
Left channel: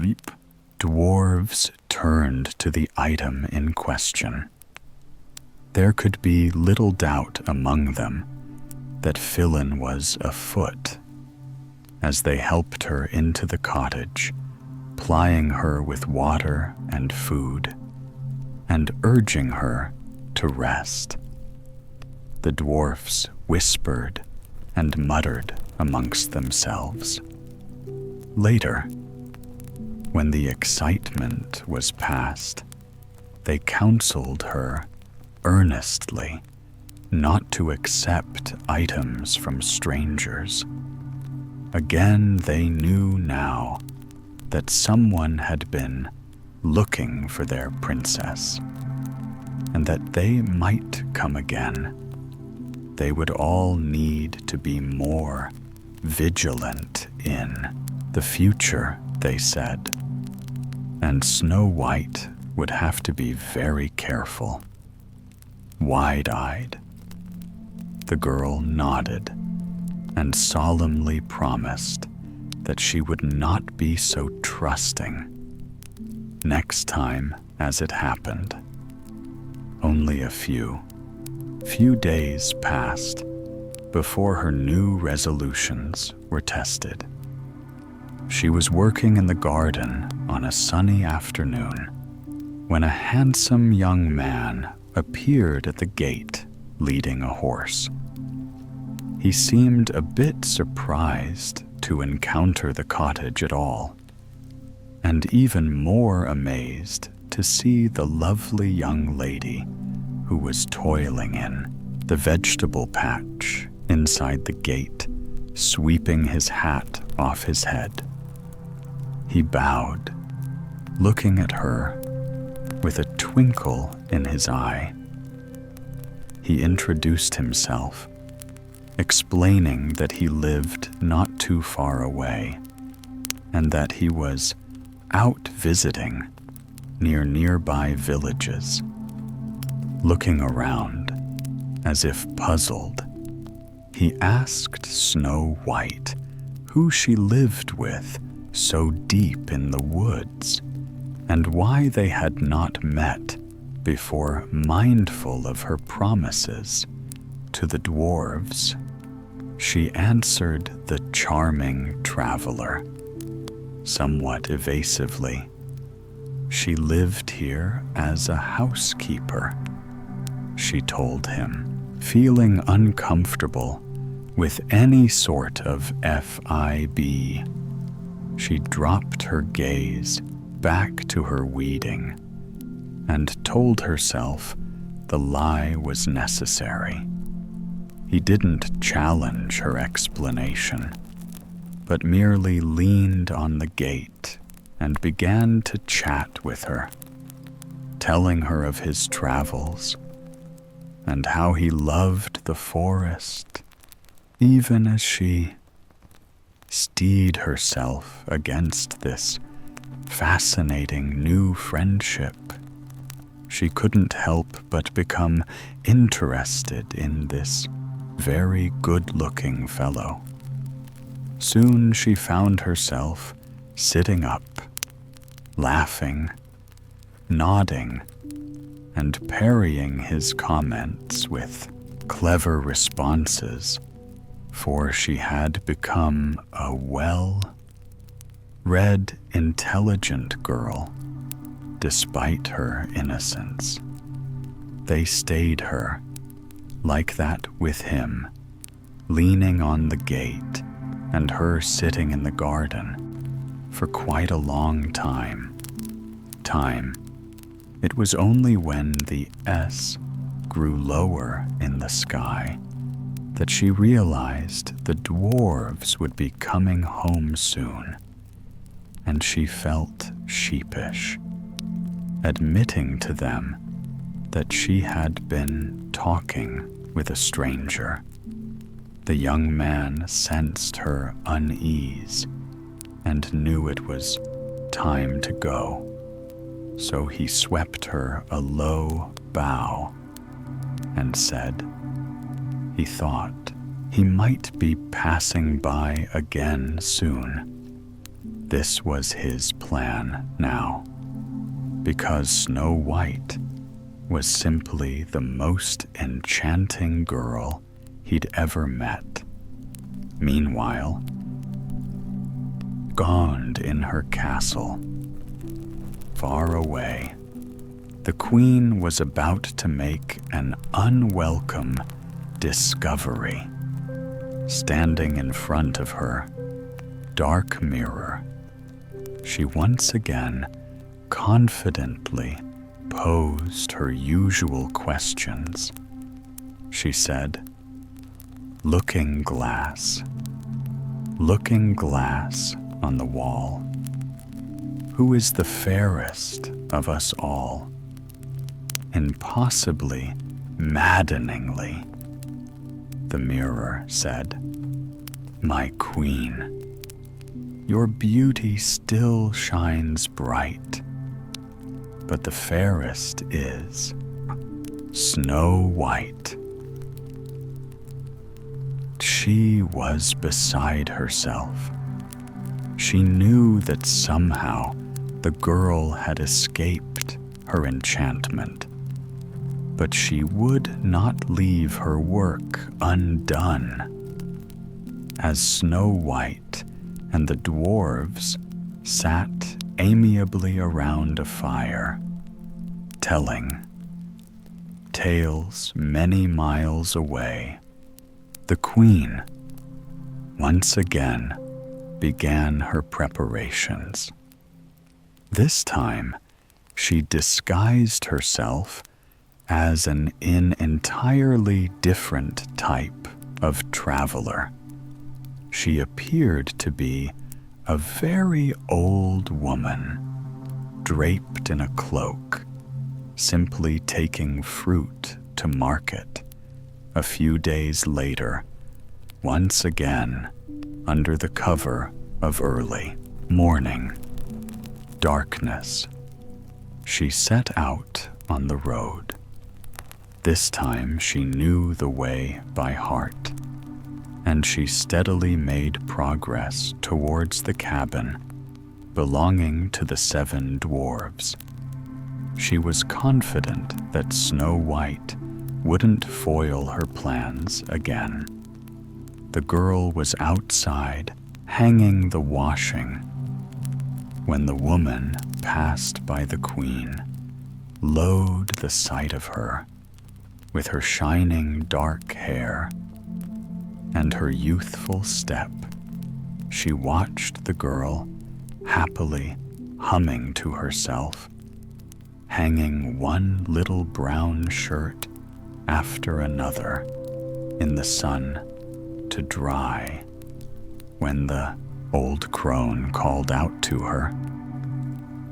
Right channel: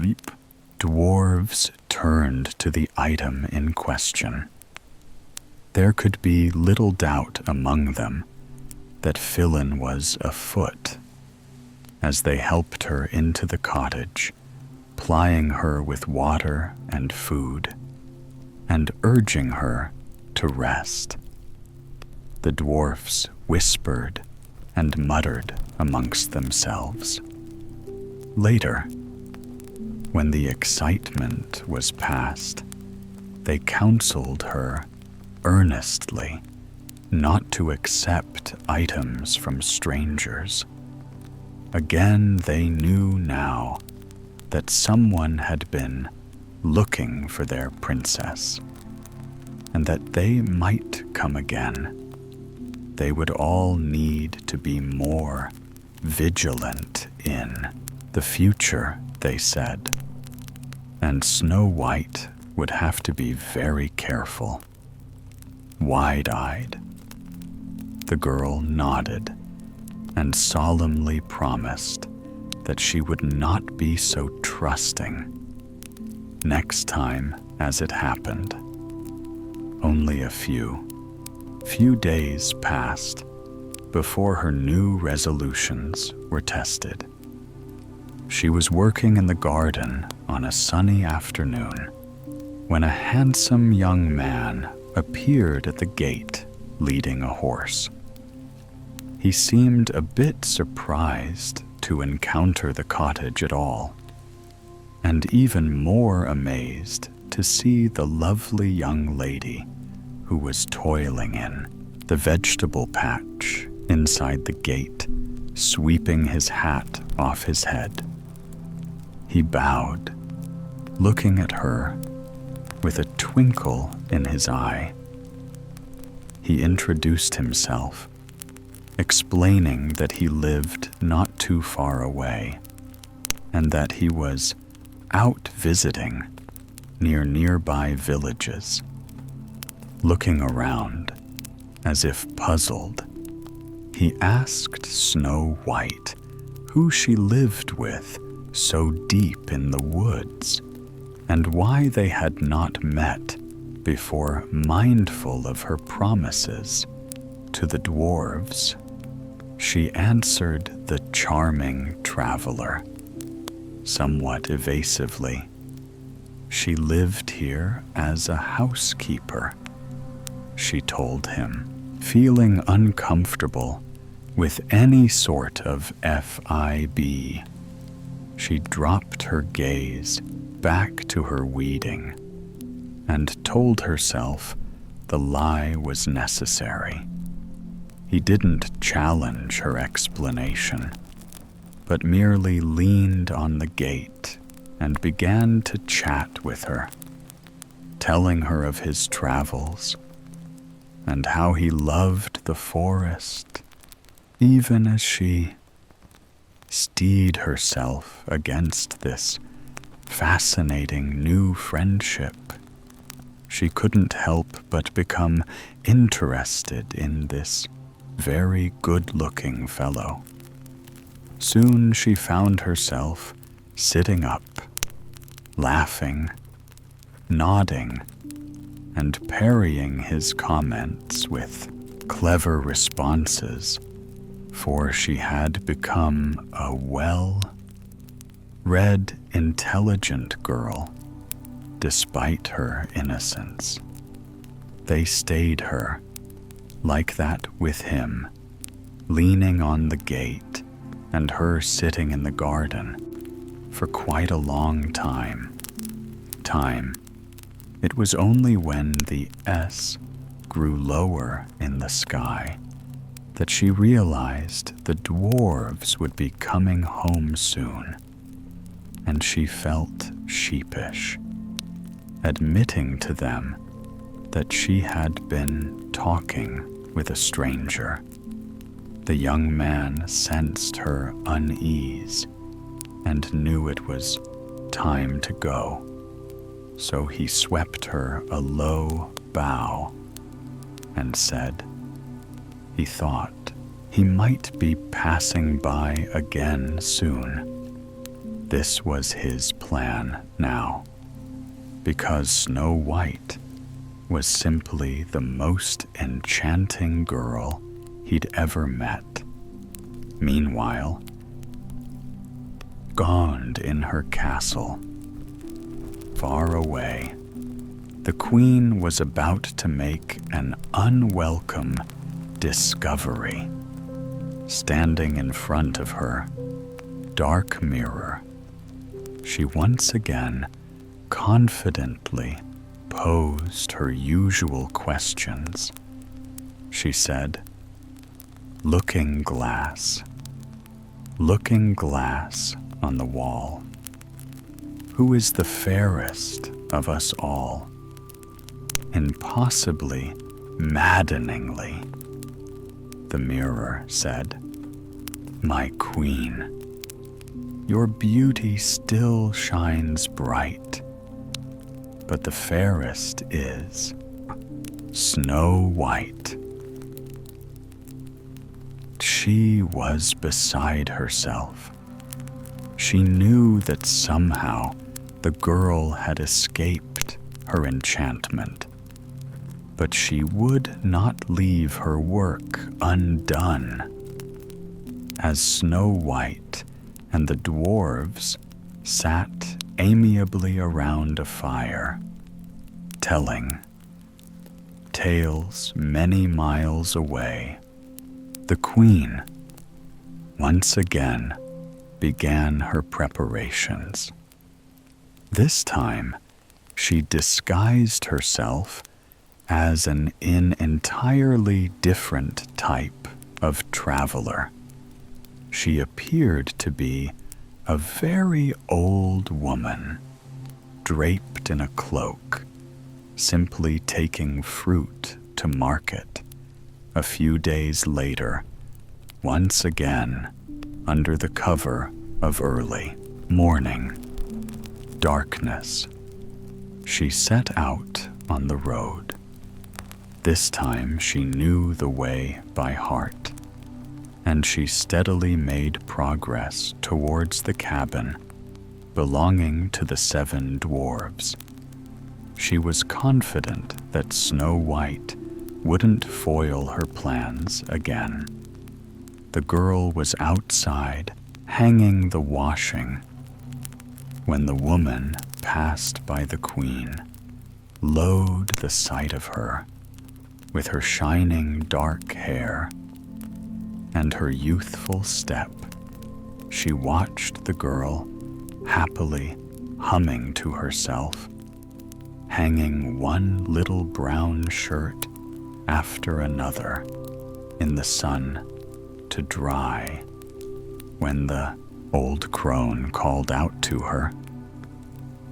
dwarves turned to the item in question. There could be little doubt among them that Philin was afoot. As they helped her into the cottage, plying her with water and food, and urging her to rest, the dwarfs whispered and muttered amongst themselves. Later, when the excitement was past, they counseled her earnestly not to accept items from strangers. Again, they knew now that someone had been looking for their princess, and that they might come again. They would all need to be more vigilant in the future, they said, and Snow White would have to be very careful. Wide-eyed, the girl nodded and solemnly promised that she would not be so trusting next time as it happened. Only a few days passed before her new resolutions were tested. She was working in the garden on a sunny afternoon when a handsome young man appeared at the gate leading a horse. He seemed a bit surprised to encounter the cottage at all, and even more amazed to see the lovely young lady who was toiling in the vegetable patch inside the gate, sweeping his hat off his head. He bowed, looking at her with a twinkle in his eye. He introduced himself, explaining that he lived not too far away and that he was out visiting near nearby villages. Looking around, as if puzzled, he asked Snow White who she lived with so deep in the woods and why they had not met before, mindful of her promises to the dwarves. She answered the charming traveler, somewhat evasively. She lived here as a housekeeper, she told him, feeling uncomfortable with any sort of FIB. She dropped her gaze back to her weeding and told herself the lie was necessary. He didn't challenge her explanation, but merely leaned on the gate and began to chat with her, telling her of his travels and how he loved the forest, even as she steeled herself against this fascinating new friendship. She couldn't help but become interested in this very good-looking fellow. Soon she found herself sitting up, laughing, nodding, and parrying his comments with clever responses, for she had become a well-read, intelligent girl, despite her innocence. They stayed her like that with him, leaning on the gate, and her sitting in the garden for quite a long time. It was only when the S grew lower in the sky that she realized the dwarves would be coming home soon, and she felt sheepish, admitting to them that she had been talking with a stranger. The young man sensed her unease and knew it was time to go, so he swept her a low bow and said he thought he might be passing by again soon. This was his plan now, because Snow White was simply the most enchanting girl he'd ever met. Meanwhile, gone in her castle, far away, the queen was about to make an unwelcome discovery. Standing in front of her dark mirror, she once again confidently posed her usual questions. She said, looking glass on the wall, who is the fairest of us all? Impossibly, maddeningly, the mirror said, my queen, your beauty still shines bright, but the fairest is Snow White. She was beside herself. She knew that somehow the girl had escaped her enchantment, but she would not leave her work undone. As Snow White and the dwarves sat amiably around a fire, telling tales many miles away, the queen once again began her preparations. This time, she disguised herself as an entirely different type of traveler. She appeared to be a very old woman, draped in a cloak, simply taking fruit to market. A few days later, once again, under the cover of early morning darkness, she set out on the road. This time she knew the way by heart, and she steadily made progress towards the cabin belonging to the 7 dwarves. She was confident that Snow White wouldn't foil her plans again. The girl was outside, hanging the washing, when the woman passed by the queen. Loathed the sight of her, with her shining dark hair and her youthful step. She watched the girl happily humming to herself, hanging one little brown shirt after another in the sun to dry, when the old crone called out to her.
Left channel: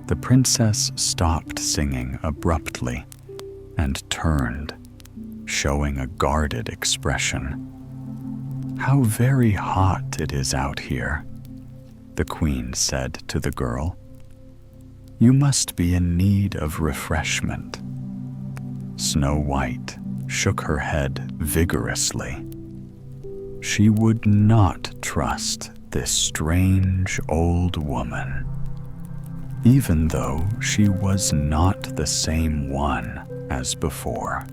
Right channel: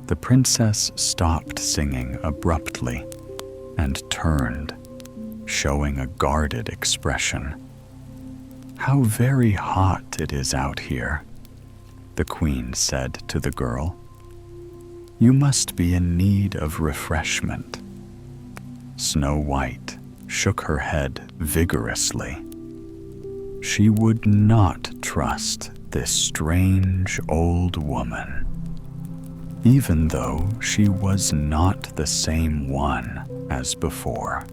The princess stopped singing abruptly and turned, showing a guarded expression. "How very hot it is out here," the queen said to the girl. "You must be in need of refreshment." Snow White shook her head vigorously. She would not trust this strange old woman, even though she was not the same one as before.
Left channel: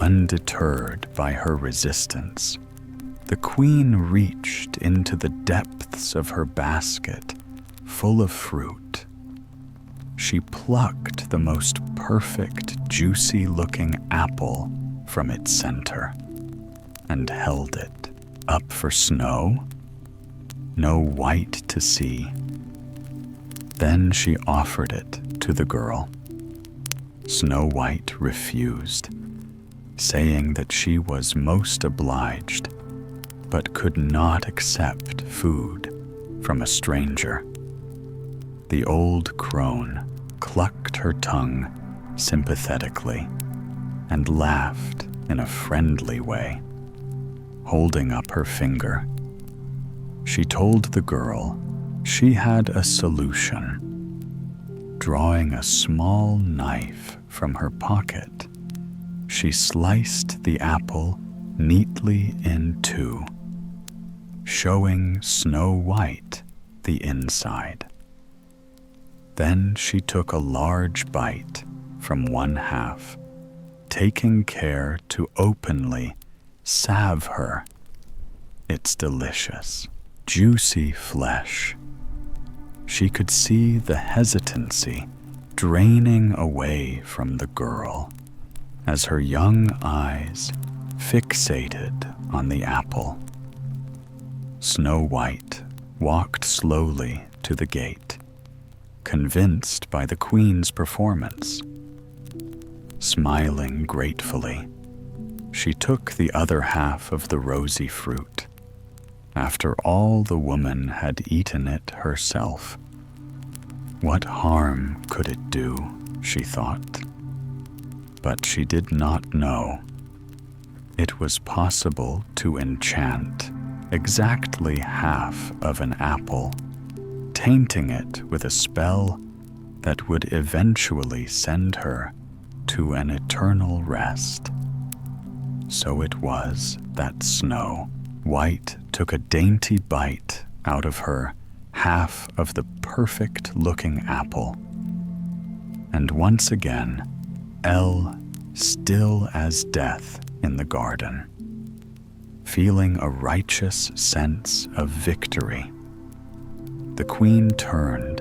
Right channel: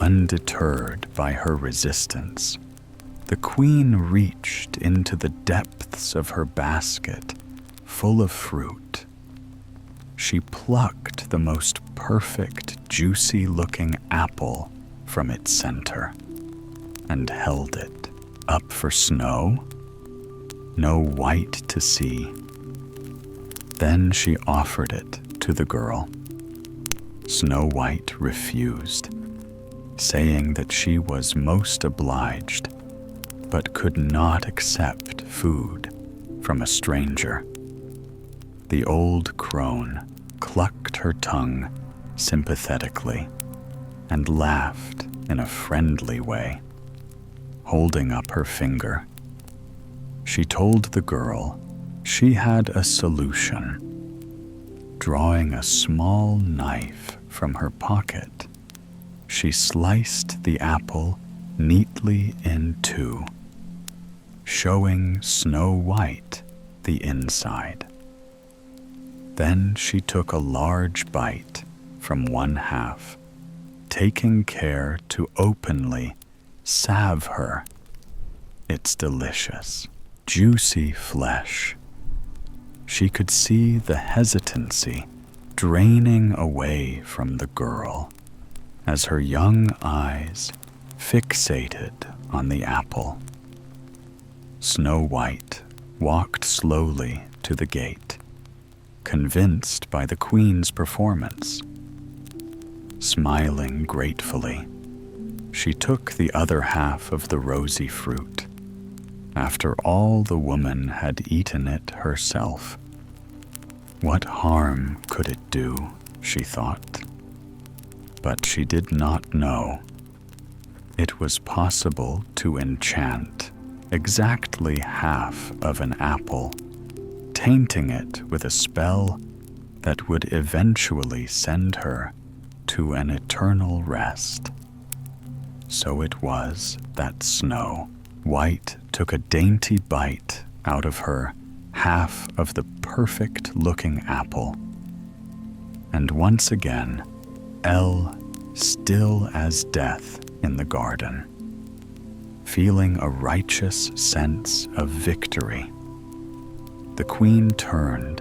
Undeterred by her resistance, the queen reached into the depths of her basket full of fruit. She plucked the most perfect, juicy-looking apple from its center and held it up for Snow White to see. Then she offered it to the girl. Snow White refused, saying that she was most obliged, but could not accept food from a stranger. The old crone clucked her tongue sympathetically and laughed in a friendly way, holding up her finger. She told the girl she had a solution. Drawing a small knife from her pocket, she sliced the apple neatly in two, showing Snow White the inside. Then she took a large bite from one half, taking care to openly salve her its delicious, juicy flesh. She could see the hesitancy draining away from the girl as her young eyes fixated on the apple. Snow White walked slowly to the gate, convinced by the Queen's performance. Smiling gratefully, she took the other half of the rosy fruit. After all, the woman had eaten it herself. What harm could it do, she thought. But she did not know. It was possible to enchant exactly half of an apple, tainting it with a spell that would eventually send her to an eternal rest. So it was that Snow White took a dainty bite out of her half of the perfect-looking apple. And once again, still as death in the garden, feeling a righteous sense of victory, the Queen turned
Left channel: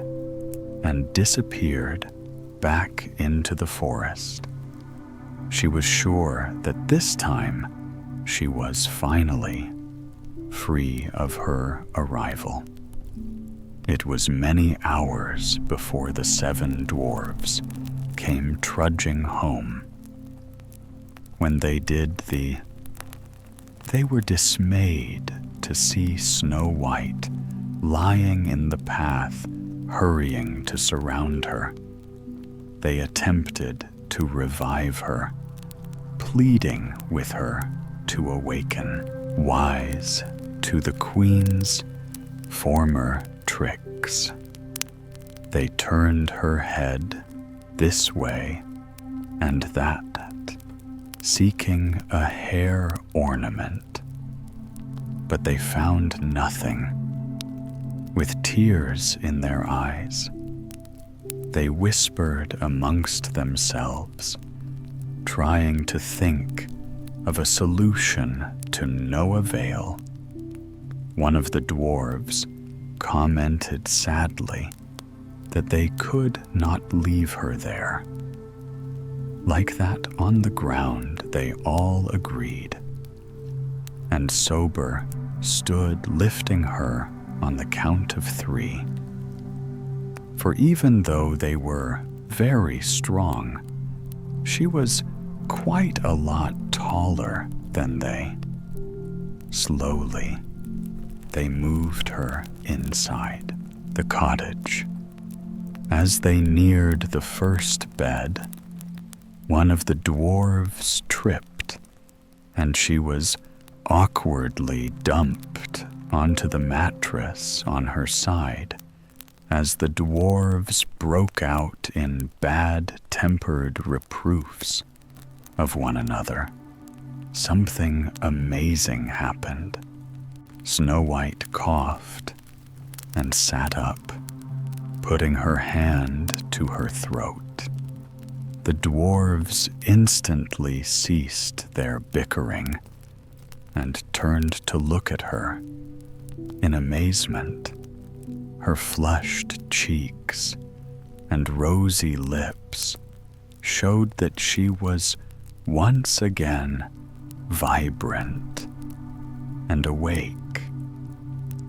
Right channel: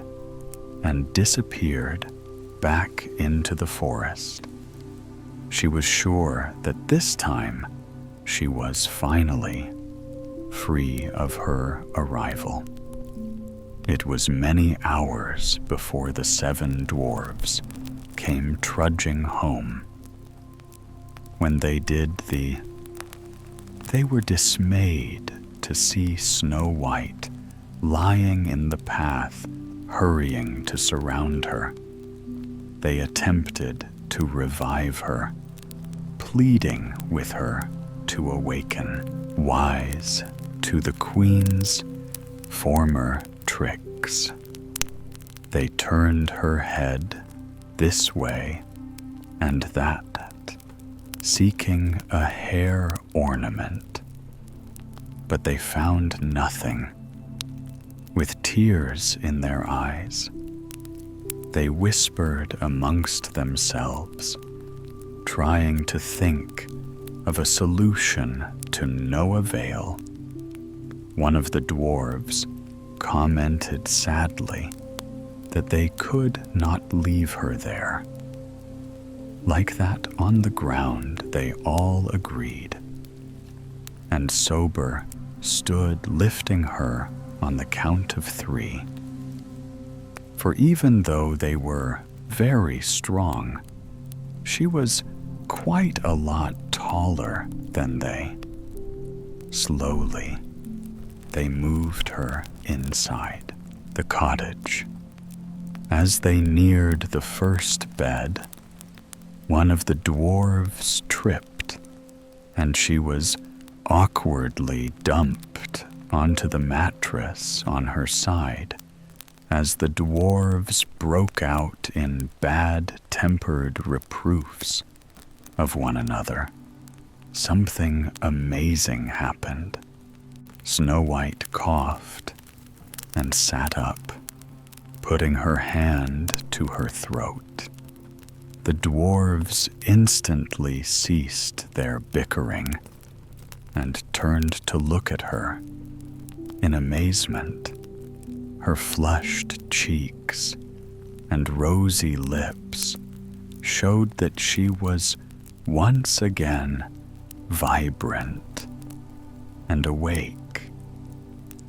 and disappeared back into the forest. She was sure that this time she was finally free of her arrival. It was many hours before the 7 dwarves came trudging home. When they did, they were dismayed to see Snow White lying in the path, hurrying to surround her. They attempted to revive her, pleading with her to awaken, wise to the Queen's former tricks. They turned her head this way and that, seeking a hair ornament. But they found nothing. With tears in their eyes, they whispered amongst themselves, trying to think of a solution to no avail. One of the dwarves commented sadly that they could not leave her there. Like that on the ground, they all agreed, and sober stood lifting her on the count of 3. For even though they were very strong, she was quite a lot taller than they. Slowly, they moved her inside the cottage. As they neared the first bed, one of the dwarves tripped, and she was awkwardly dumped onto the mattress on her side as the dwarves broke out in bad-tempered reproofs of one another. Something amazing happened. Snow White coughed and sat up, putting her hand to her throat. The dwarves instantly ceased their bickering and turned to look at her in amazement. Her flushed cheeks and rosy lips showed that she was once again vibrant and awake.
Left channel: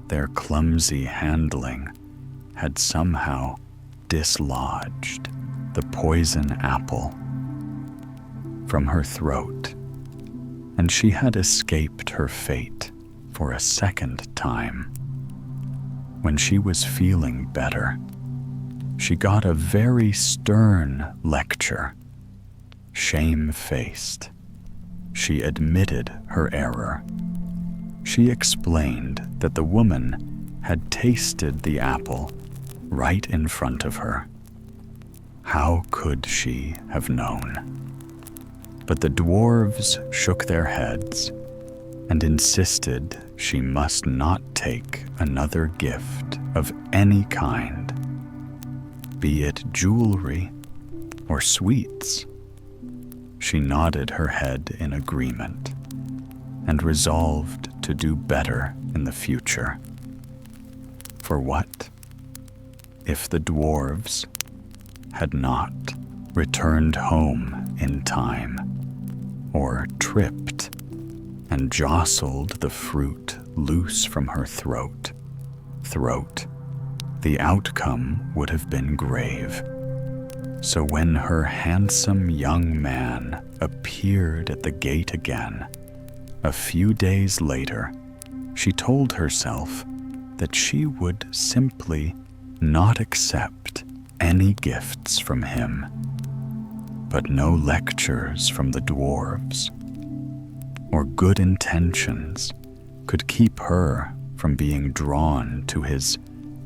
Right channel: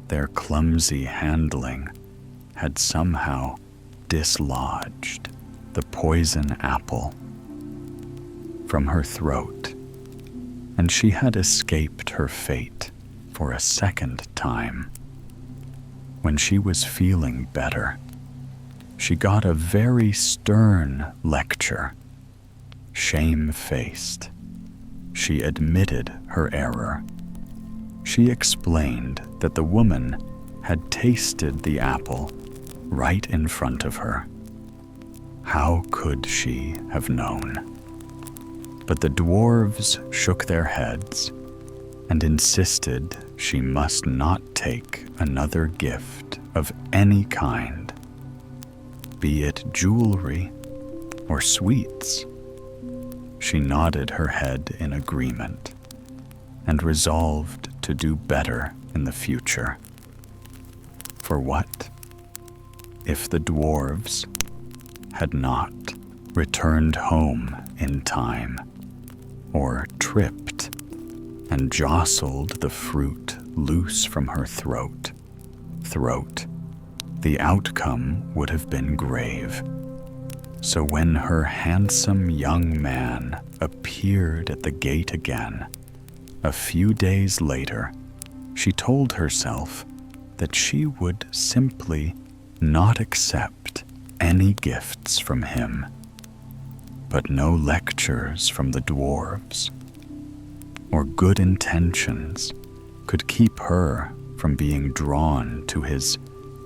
Their clumsy handling had somehow dislodged the poison apple from her throat, and she had escaped her fate for a second time. When she was feeling better, she got a very stern lecture Shame-faced, she admitted her error. She explained that the woman had tasted the apple right in front of her. How could she have known? But the dwarves shook their heads and insisted she must not take another gift of any kind, be it jewelry or sweets. She nodded her head in agreement and resolved to do better in the future. For what if the dwarves had not returned home in time, or tripped and jostled the fruit loose from her throat? The outcome would have been grave. So when her handsome young man appeared at the gate again, a few days later, she told herself that she would simply not accept any gifts from him, but no lectures from the dwarves or good intentions could keep her from being drawn to his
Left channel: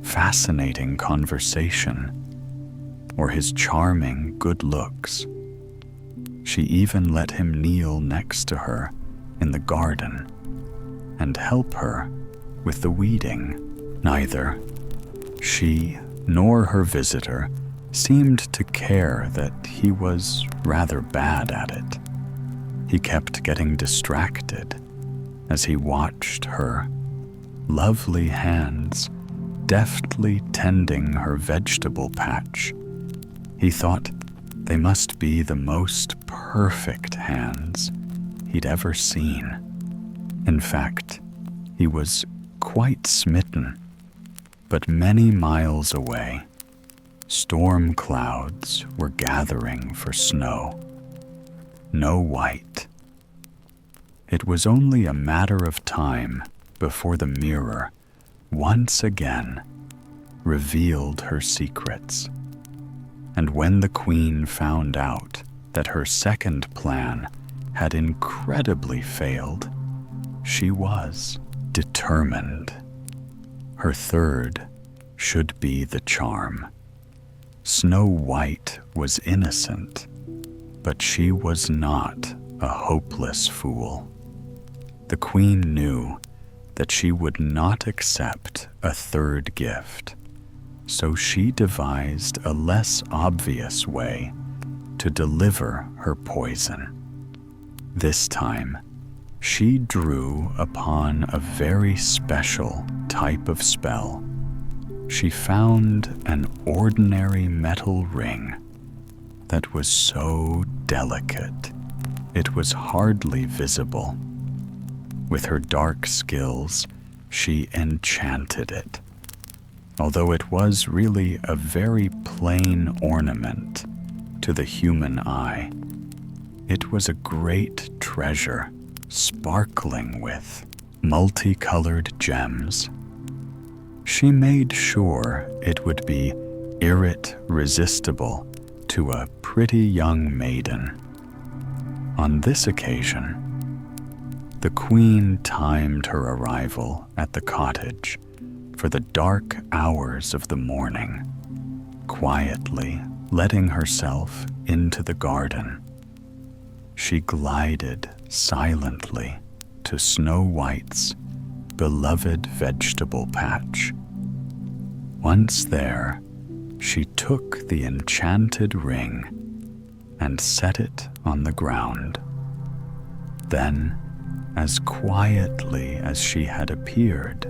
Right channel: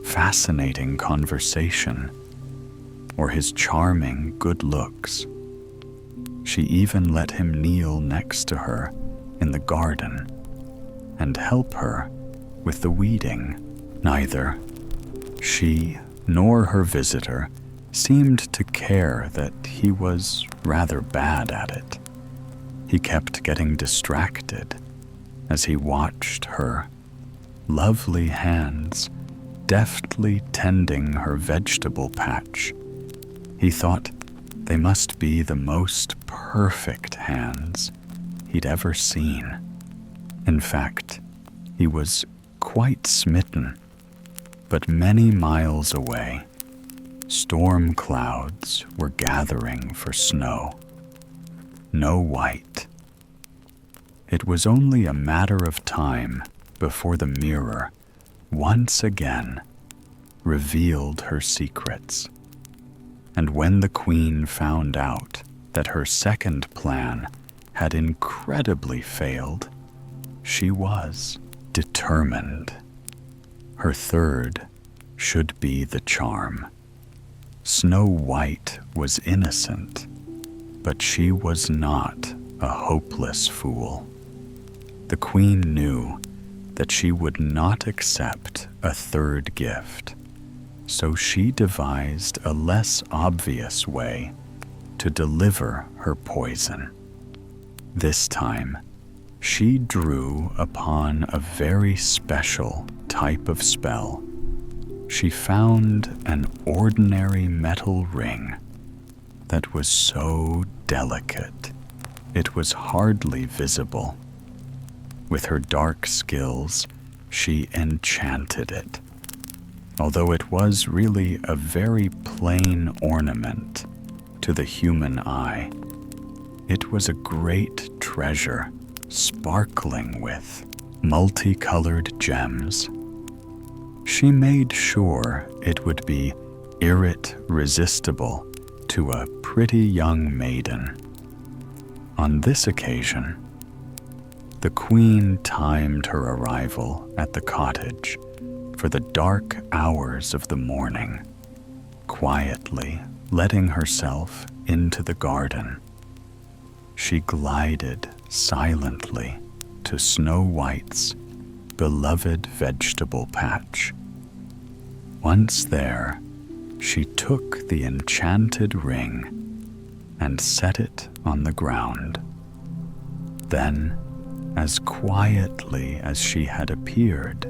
fascinating conversation or his charming good looks. She even let him kneel next to her in the garden and help her with the weeding. Neither she nor her visitor seemed to care that he was rather bad at it. He kept getting distracted as he watched her lovely hands deftly tending her vegetable patch. He thought they must be the most perfect hands he'd ever seen. In fact, he was quite smitten. But many miles away, storm clouds were gathering for snow. No white. It was only a matter of time before the mirror once again revealed her secrets. And when the queen found out that her second plan had incredibly failed, she was determined. Her third should be the charm. Snow White was innocent, but she was not a hopeless fool. The queen knew that she would not accept a third gift, so she devised a less obvious way to deliver her poison. This time, she drew upon a very special type of spell. She found an ordinary metal ring that was so delicate it was hardly visible. With her dark skills, she enchanted it, although it was really a very plain ornament to the human eye. It was a great treasure, sparkling with multicolored gems. She made sure it would be irresistible to a pretty young maiden. On this occasion, the queen timed her arrival at the cottage for the dark hours of the morning, quietly letting herself into the garden. She glided silently to Snow White's beloved vegetable patch. Once there, she took the enchanted ring and set it on the ground. Then, as quietly as she had appeared,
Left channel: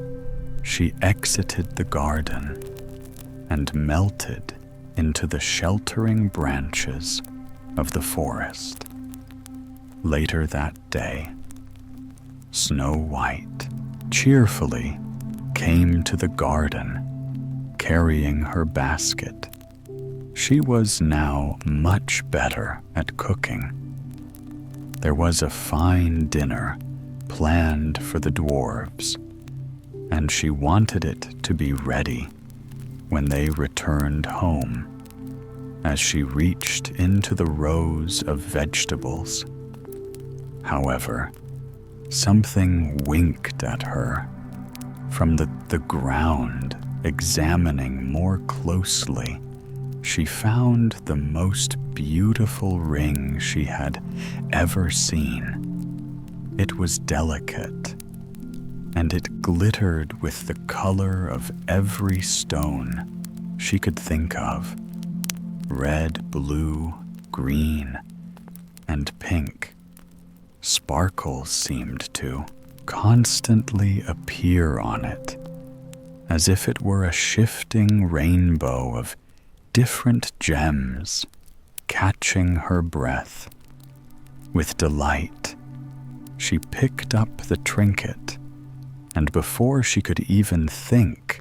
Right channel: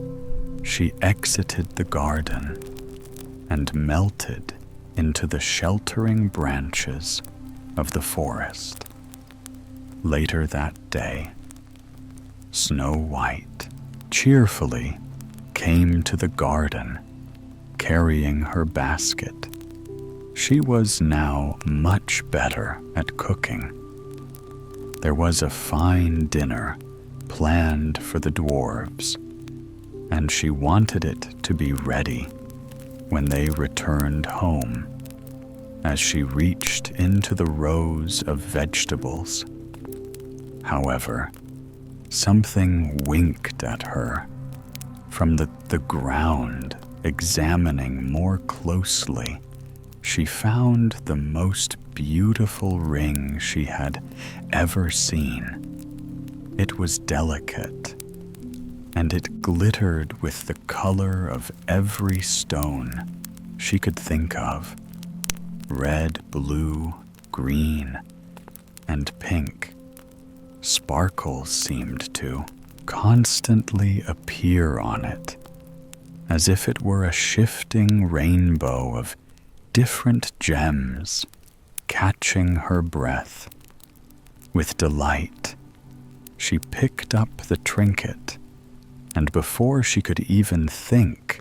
she exited the garden and melted into the sheltering branches of the forest. Later that day, Snow White cheerfully came to the garden, carrying her basket. She was now much better at cooking. There was a fine dinner planned for the dwarves, and she wanted it to be ready when they returned home. as she reached into the rows of vegetables. However, something winked at her from the ground. Examining more closely, she found the most beautiful ring she had ever seen. It was delicate, and it glittered with the color of every stone she could think of: red, blue, green, and pink. Sparkles seemed to constantly appear on it, as if it were a shifting rainbow of different gems catching her breath. With delight, she picked up the trinket, and before she could even think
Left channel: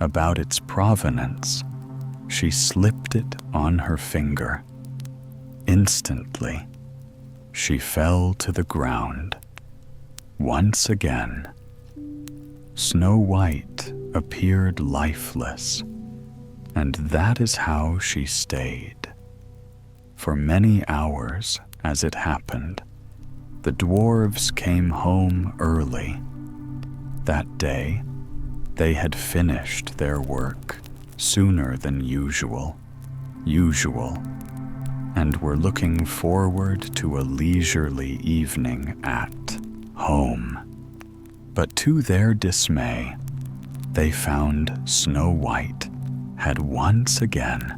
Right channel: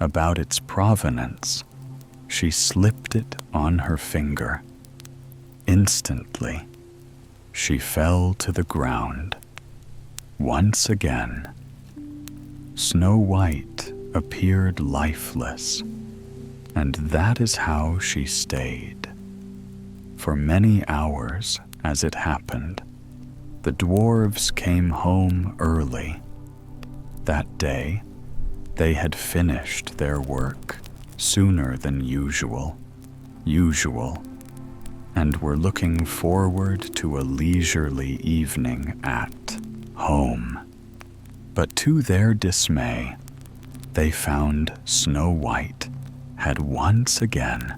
about its provenance, she slipped it on her finger. Instantly, she fell to the ground. Once again, Snow White appeared lifeless, and that is how she stayed. For many hours, as it happened, the dwarves came home early. That day, they had finished their work sooner than usual, and were looking forward to a leisurely evening at home. But to their dismay, they found Snow White had once again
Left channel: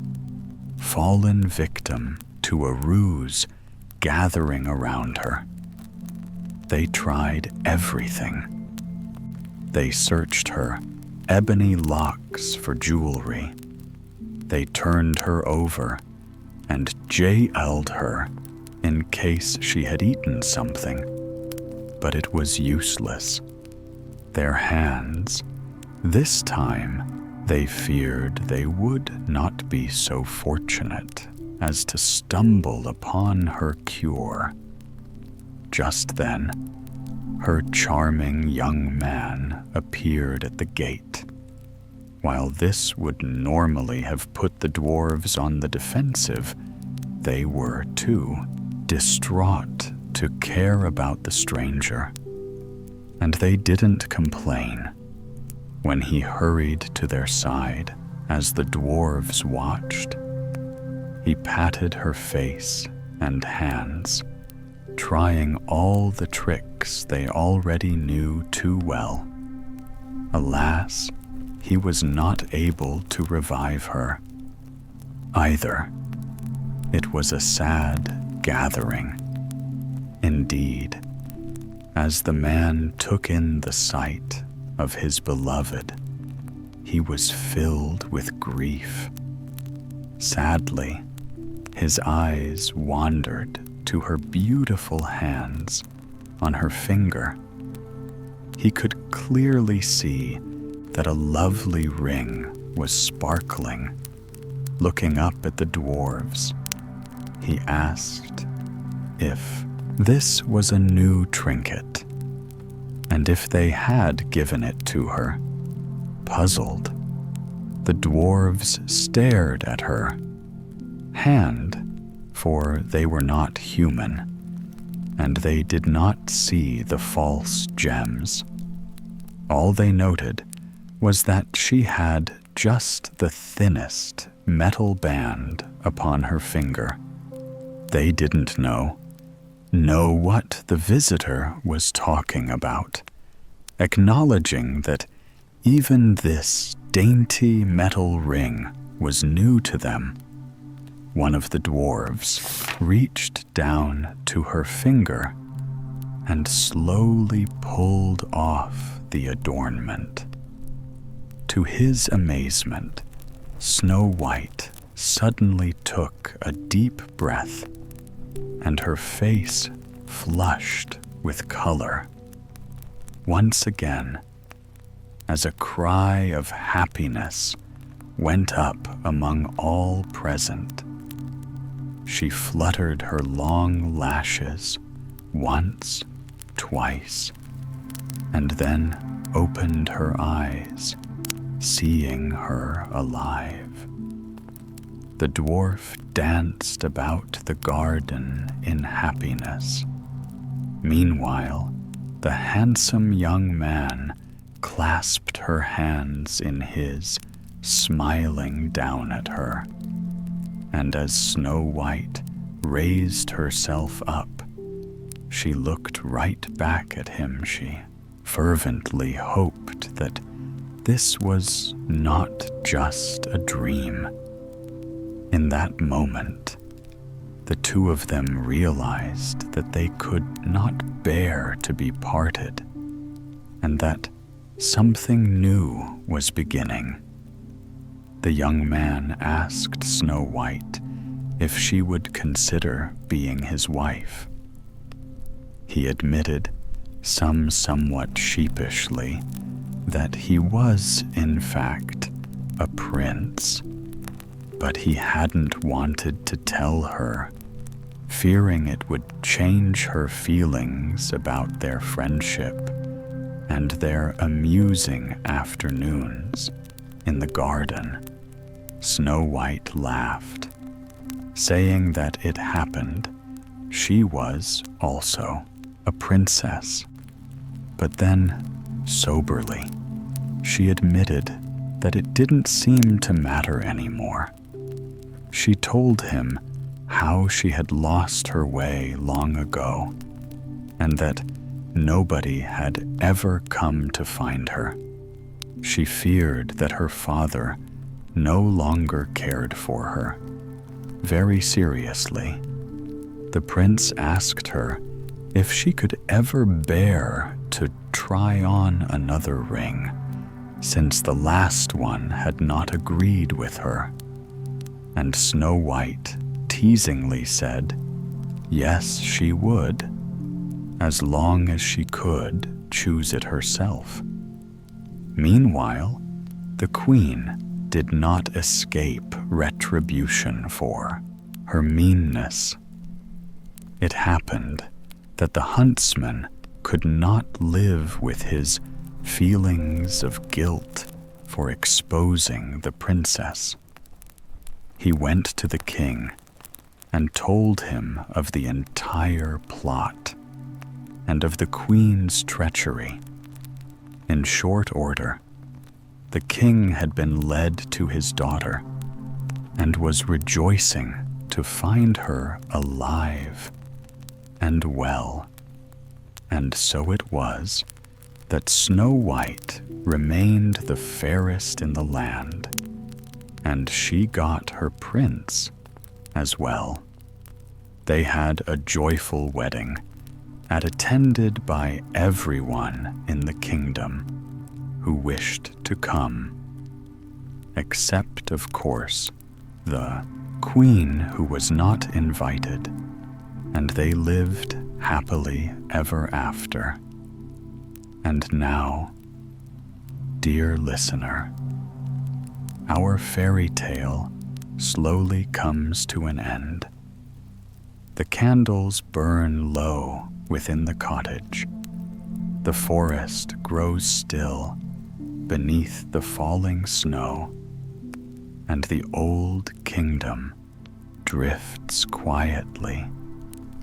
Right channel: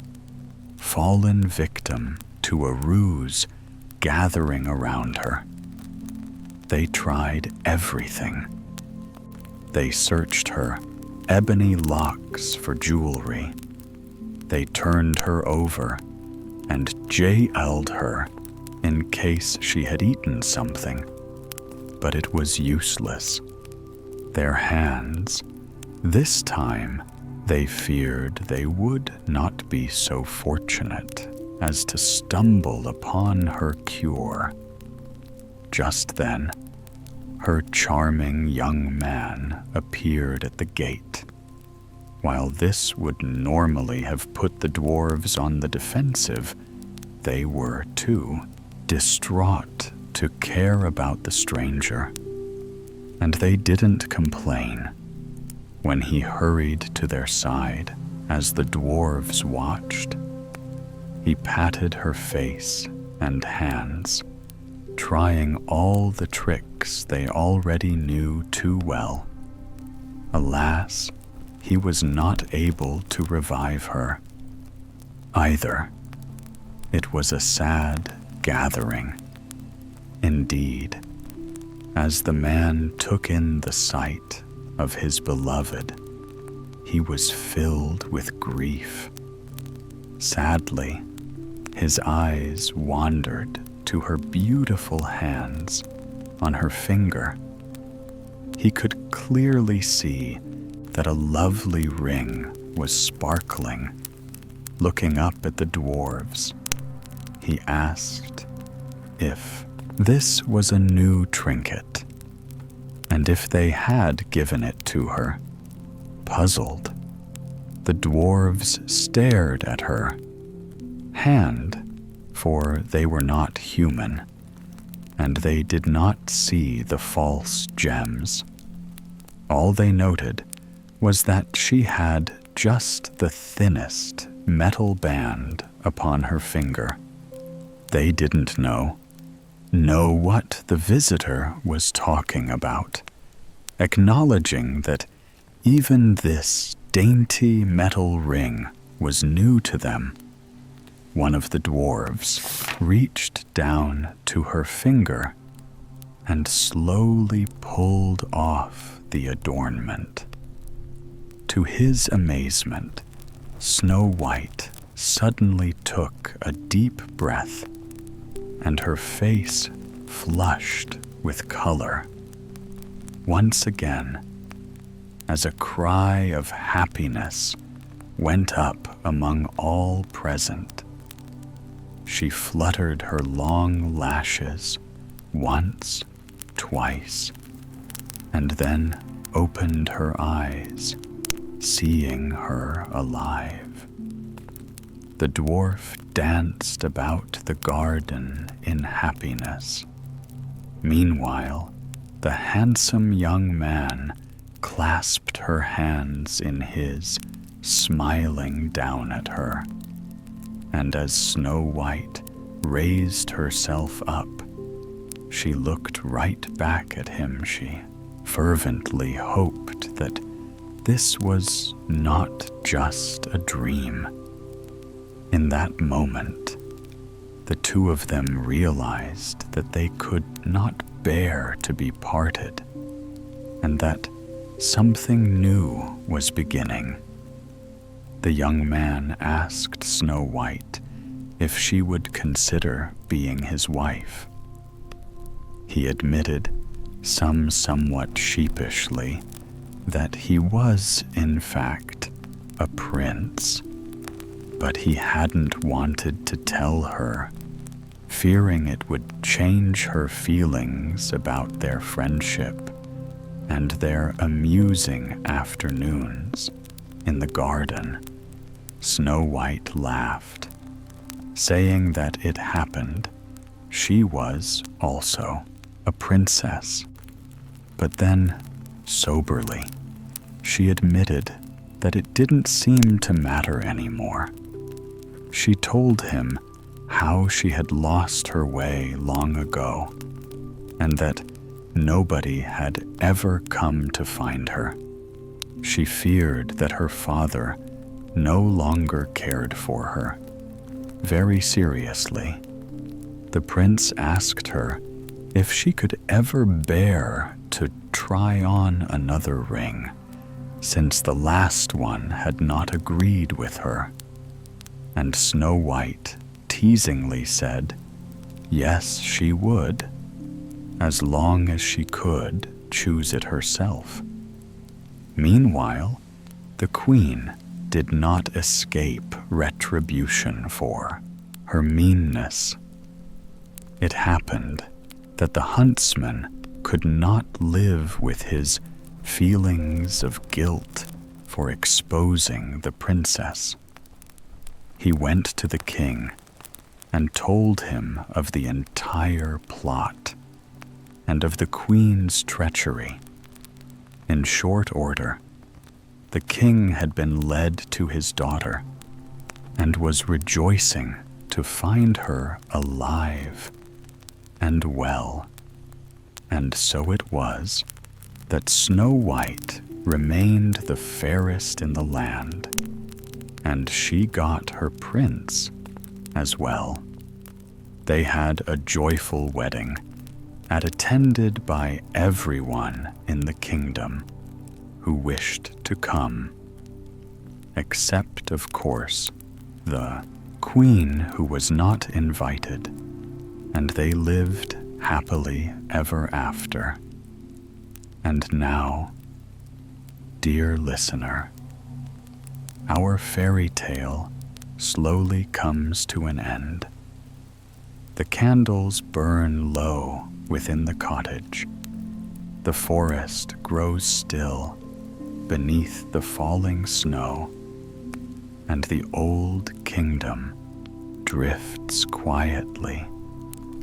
fallen victim to a ruse gathering around her. They tried everything. They searched her ebony locks for jewelry. They turned her over and jailed her in case she had eaten something. But it was useless. Their hands, this time, they feared they would not be so fortunate as to stumble upon her cure. Just then, her charming young man appeared at the gate. While this would normally have put the dwarves on the defensive, they were too distraught to care about the stranger, and they didn't complain when he hurried to their side as the dwarves watched. He patted her face and hands, trying all the tricks they already knew too well. Alas, he was not able to revive her either. It was a sad gathering. Indeed, as the man took in the sight of his beloved, he was filled with grief. Sadly, his eyes wandered to her beautiful hands on her finger. He could clearly see that a lovely ring was sparkling. Looking up at the dwarves, he asked if this was a new trinket, and if they had given it to her. Puzzled, the dwarves stared at her hand, for they were not human, and they did not see the false gems. All they noted was that she had just the thinnest metal band upon her finger. They didn't know what the visitor was talking about, acknowledging that even this dainty metal ring was new to them. One of the dwarves reached down to her finger and slowly pulled off the adornment. To his amazement, Snow White suddenly took a deep breath, and her face flushed with color. Once again, as a cry of happiness went up among all present, she fluttered her long lashes once, twice, and then opened her eyes, seeing her alive. The dwarf danced about the garden in happiness. Meanwhile, the handsome young man clasped her hands in his, smiling down at her. And as Snow White raised herself up, she looked right back at him. She fervently hoped that this was not just a dream. In that moment, the two of them realized that they could not bear to be parted, and that something new was beginning. The young man asked Snow White if she would consider being his wife. He admitted, somewhat sheepishly, that he was, in fact, a prince, but he hadn't wanted to tell her, fearing it would change her feelings about their friendship and their amusing afternoons in the garden. Snow White laughed, saying that it happened she was also a princess. But then, soberly, she admitted that it didn't seem to matter anymore. She told him how she had lost her way long ago, and that nobody had ever come to find her. She feared that her father no longer cared for her. Very seriously, the prince asked her if she could ever bear to try on another ring, since the last one had not agreed with her. And Snow White teasingly said, yes, she would, as long as she could choose it herself. Meanwhile, the queen did not escape retribution for her meanness. It happened that the huntsman could not live with his feelings of guilt for exposing the princess. He went to the king and told him of the entire plot and of the queen's treachery. In short order, the king had been led to his daughter and was rejoicing to find her alive and well. And so it was that Snow White remained the fairest in the land, and she got her prince as well. They had a joyful wedding, attended by everyone in the kingdom who wished to come, except, of course, the queen who was not invited, and they lived happily ever after. And now, dear listener, our fairy tale slowly comes to an end. The candles burn low within the cottage. The forest grows still beneath the falling snow, and the old kingdom drifts quietly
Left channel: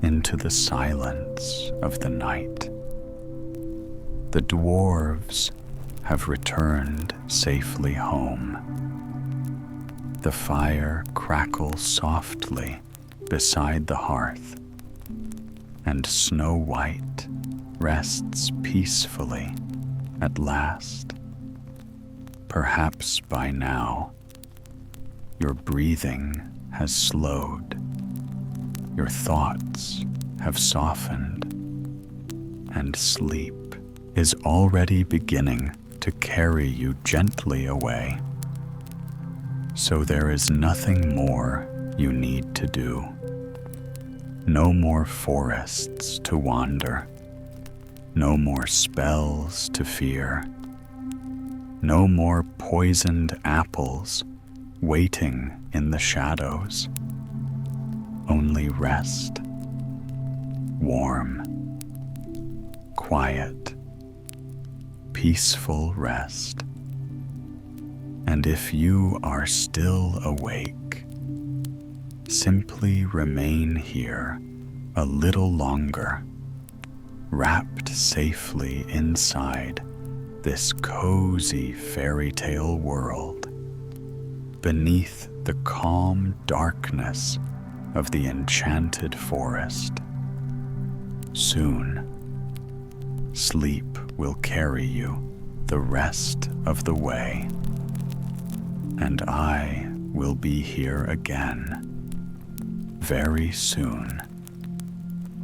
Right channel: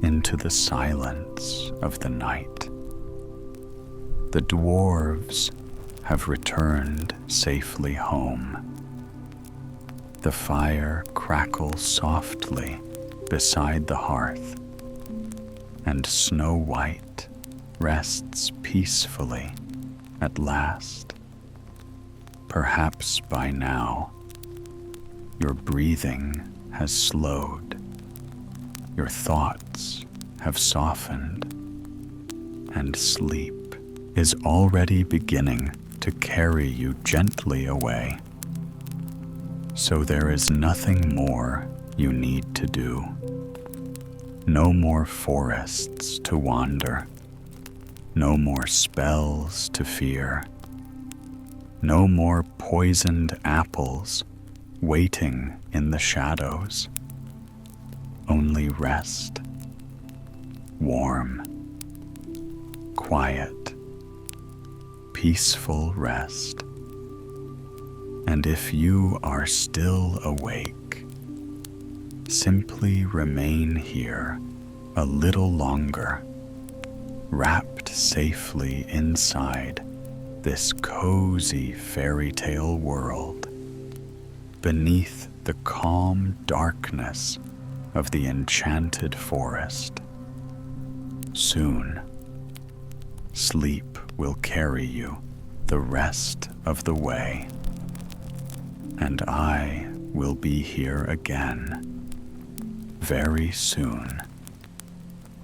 into the silence of the night. The dwarves have returned safely home. The fire crackles softly beside the hearth, and Snow White rests peacefully at last. Perhaps by now, your breathing has slowed, your thoughts have softened, and sleep is already beginning to carry you gently away. So there is nothing more you need to do. No more forests to wander, no more spells to fear, no more poisoned apples waiting in the shadows. Only rest, warm, quiet, peaceful rest. And if you are still awake, simply remain here a little longer, wrapped safely inside this cozy fairy tale world, beneath the calm darkness of the enchanted forest. Soon, sleep will carry you the rest of the way, and I will be here again very soon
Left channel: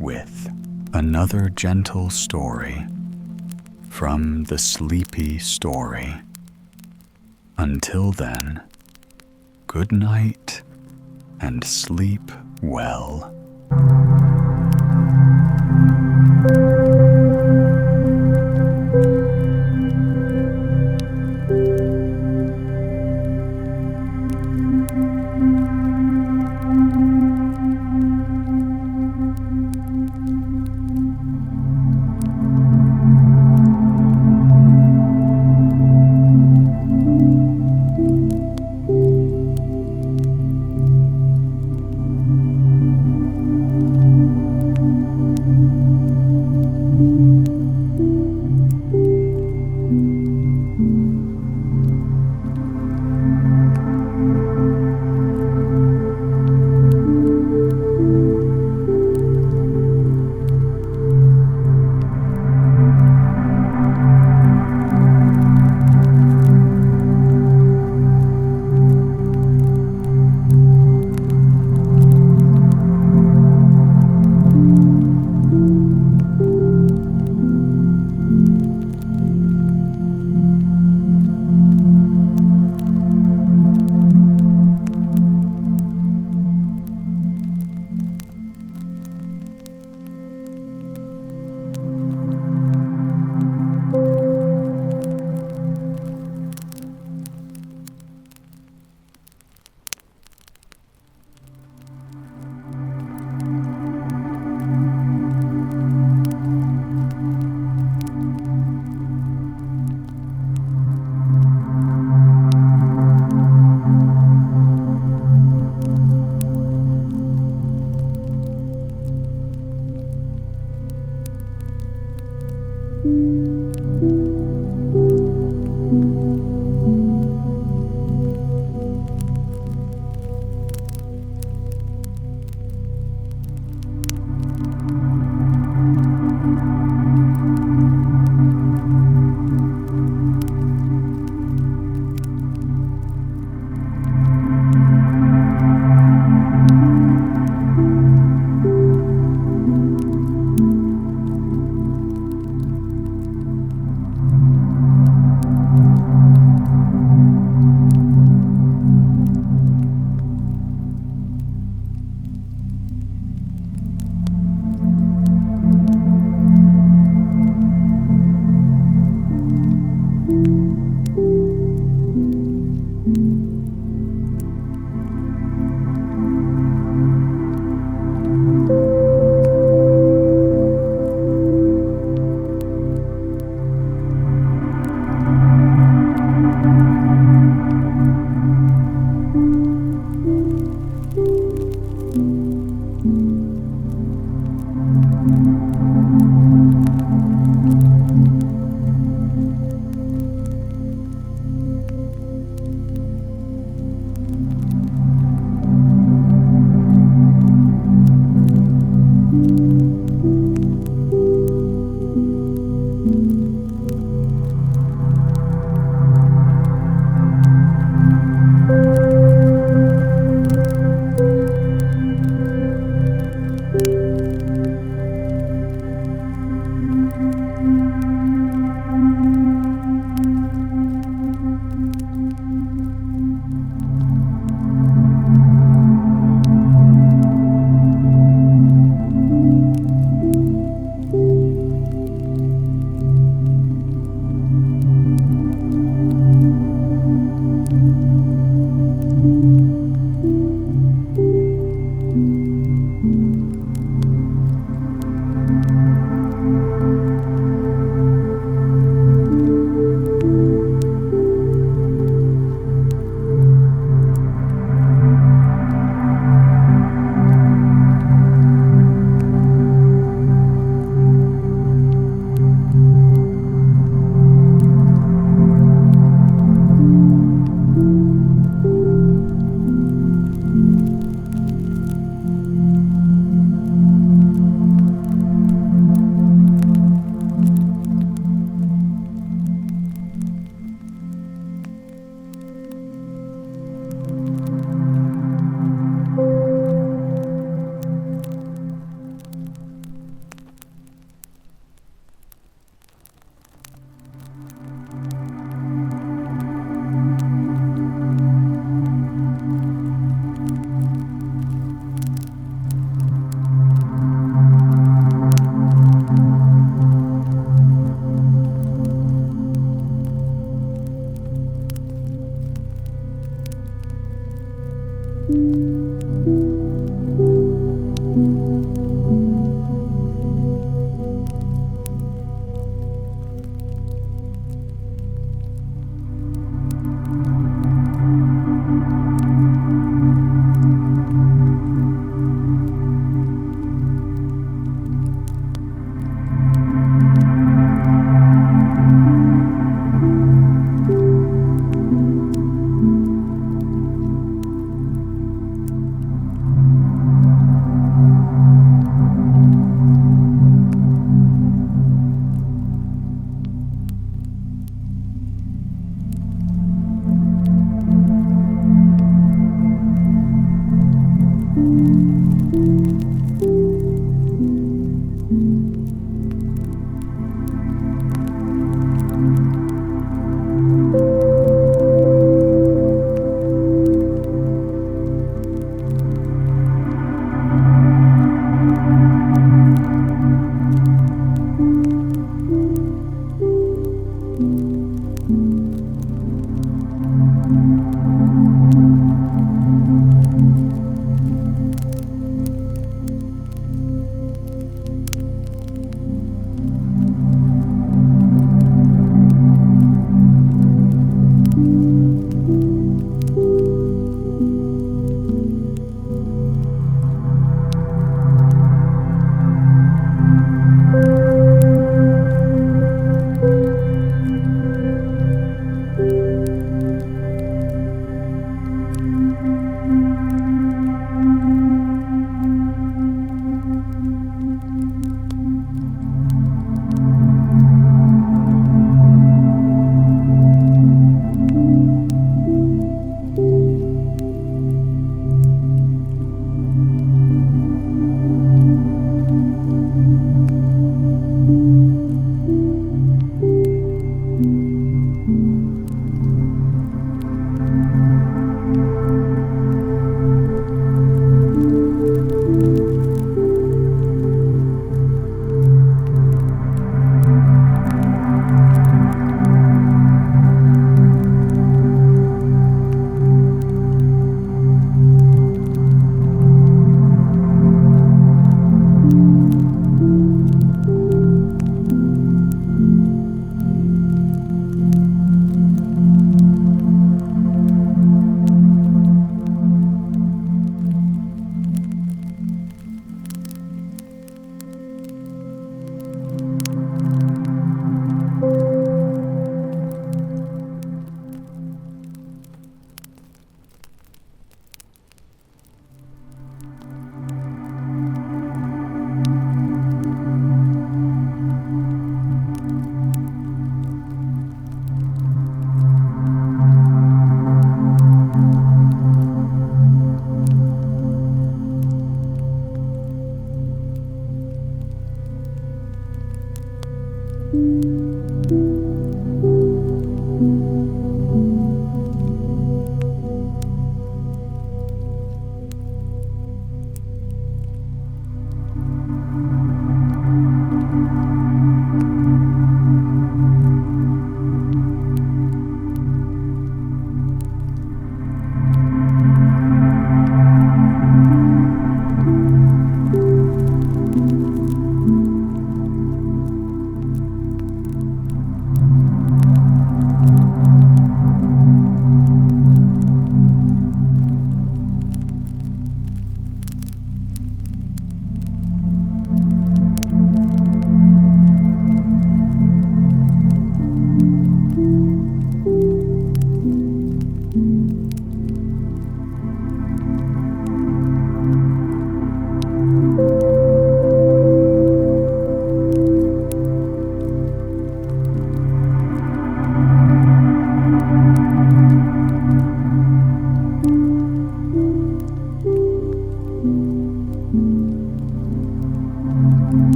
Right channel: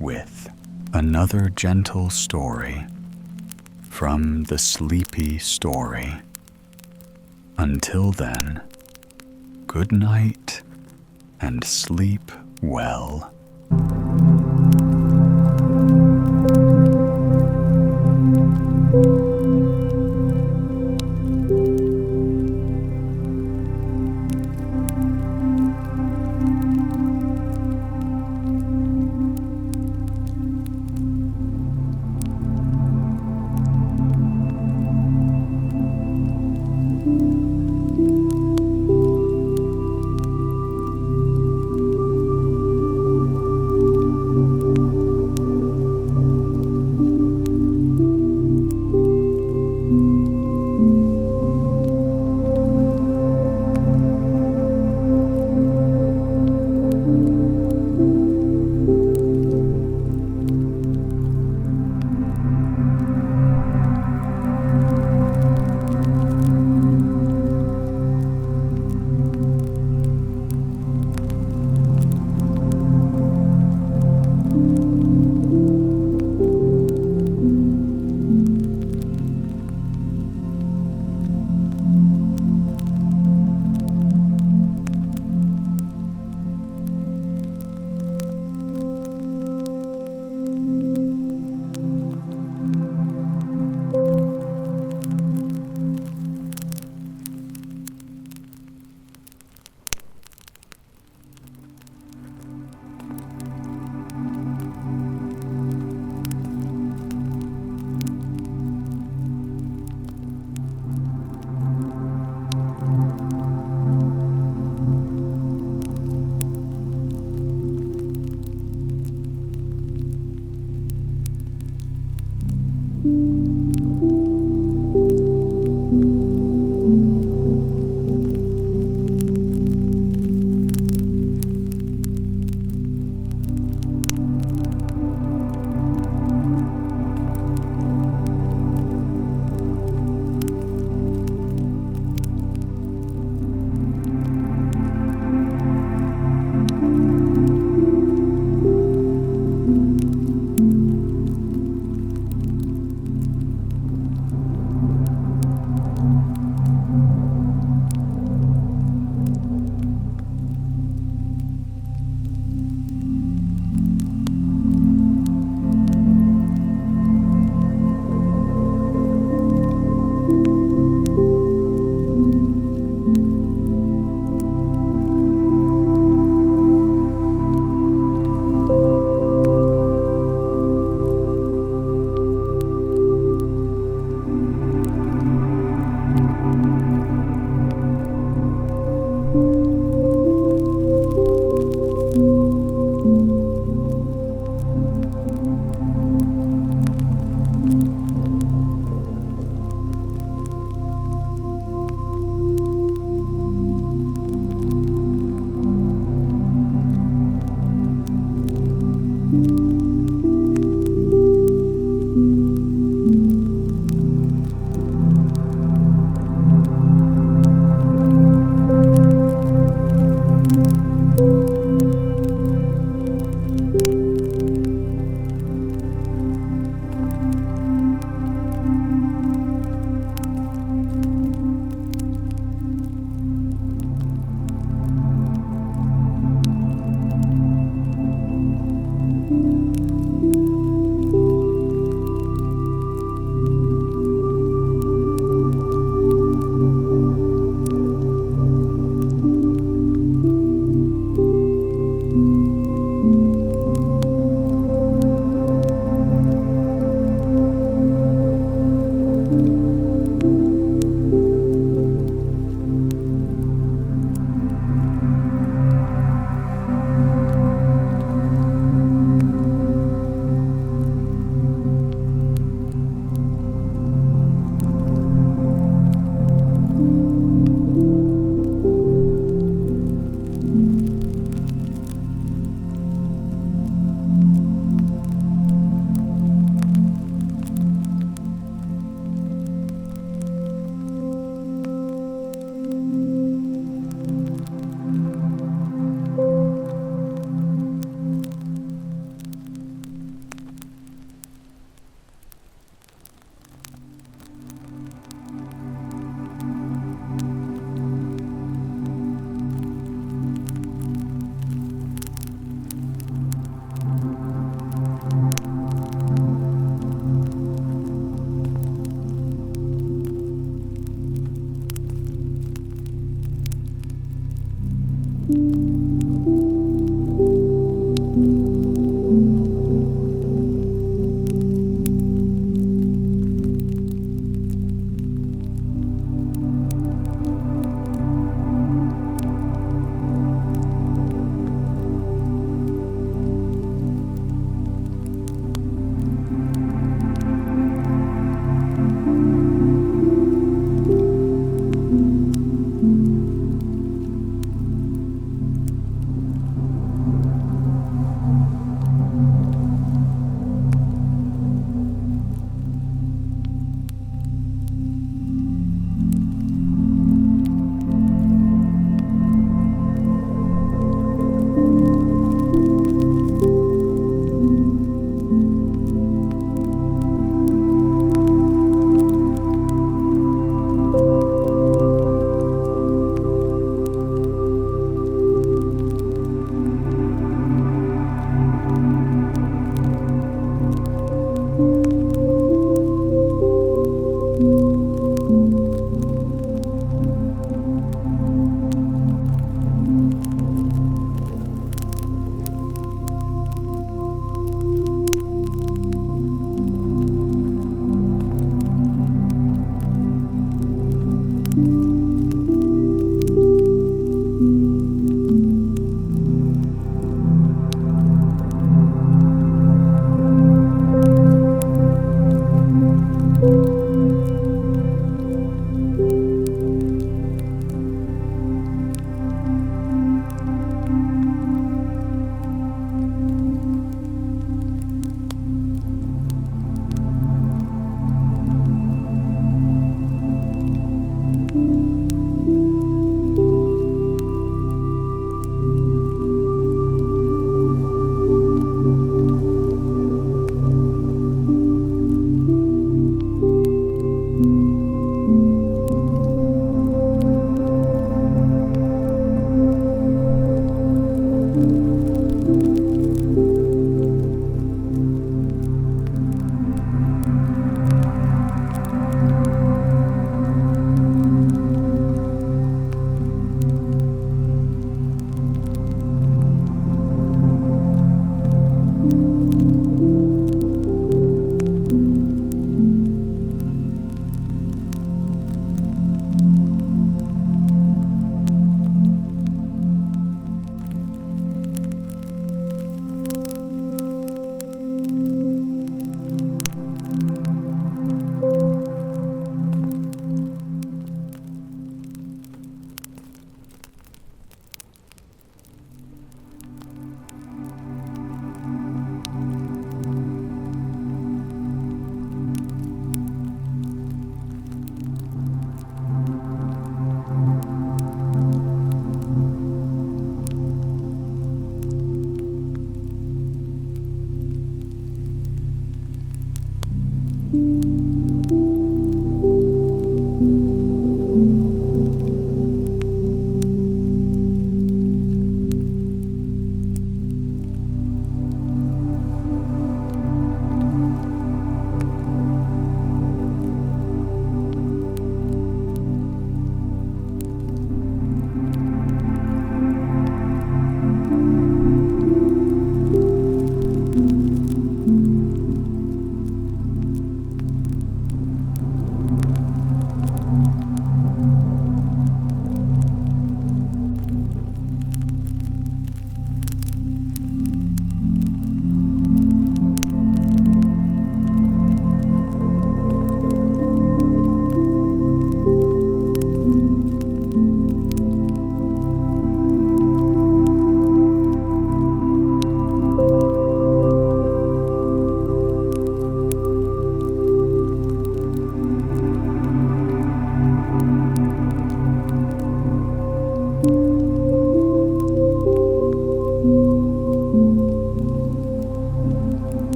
with another gentle story from the Sleepy Story. Until then, good night and sleep well.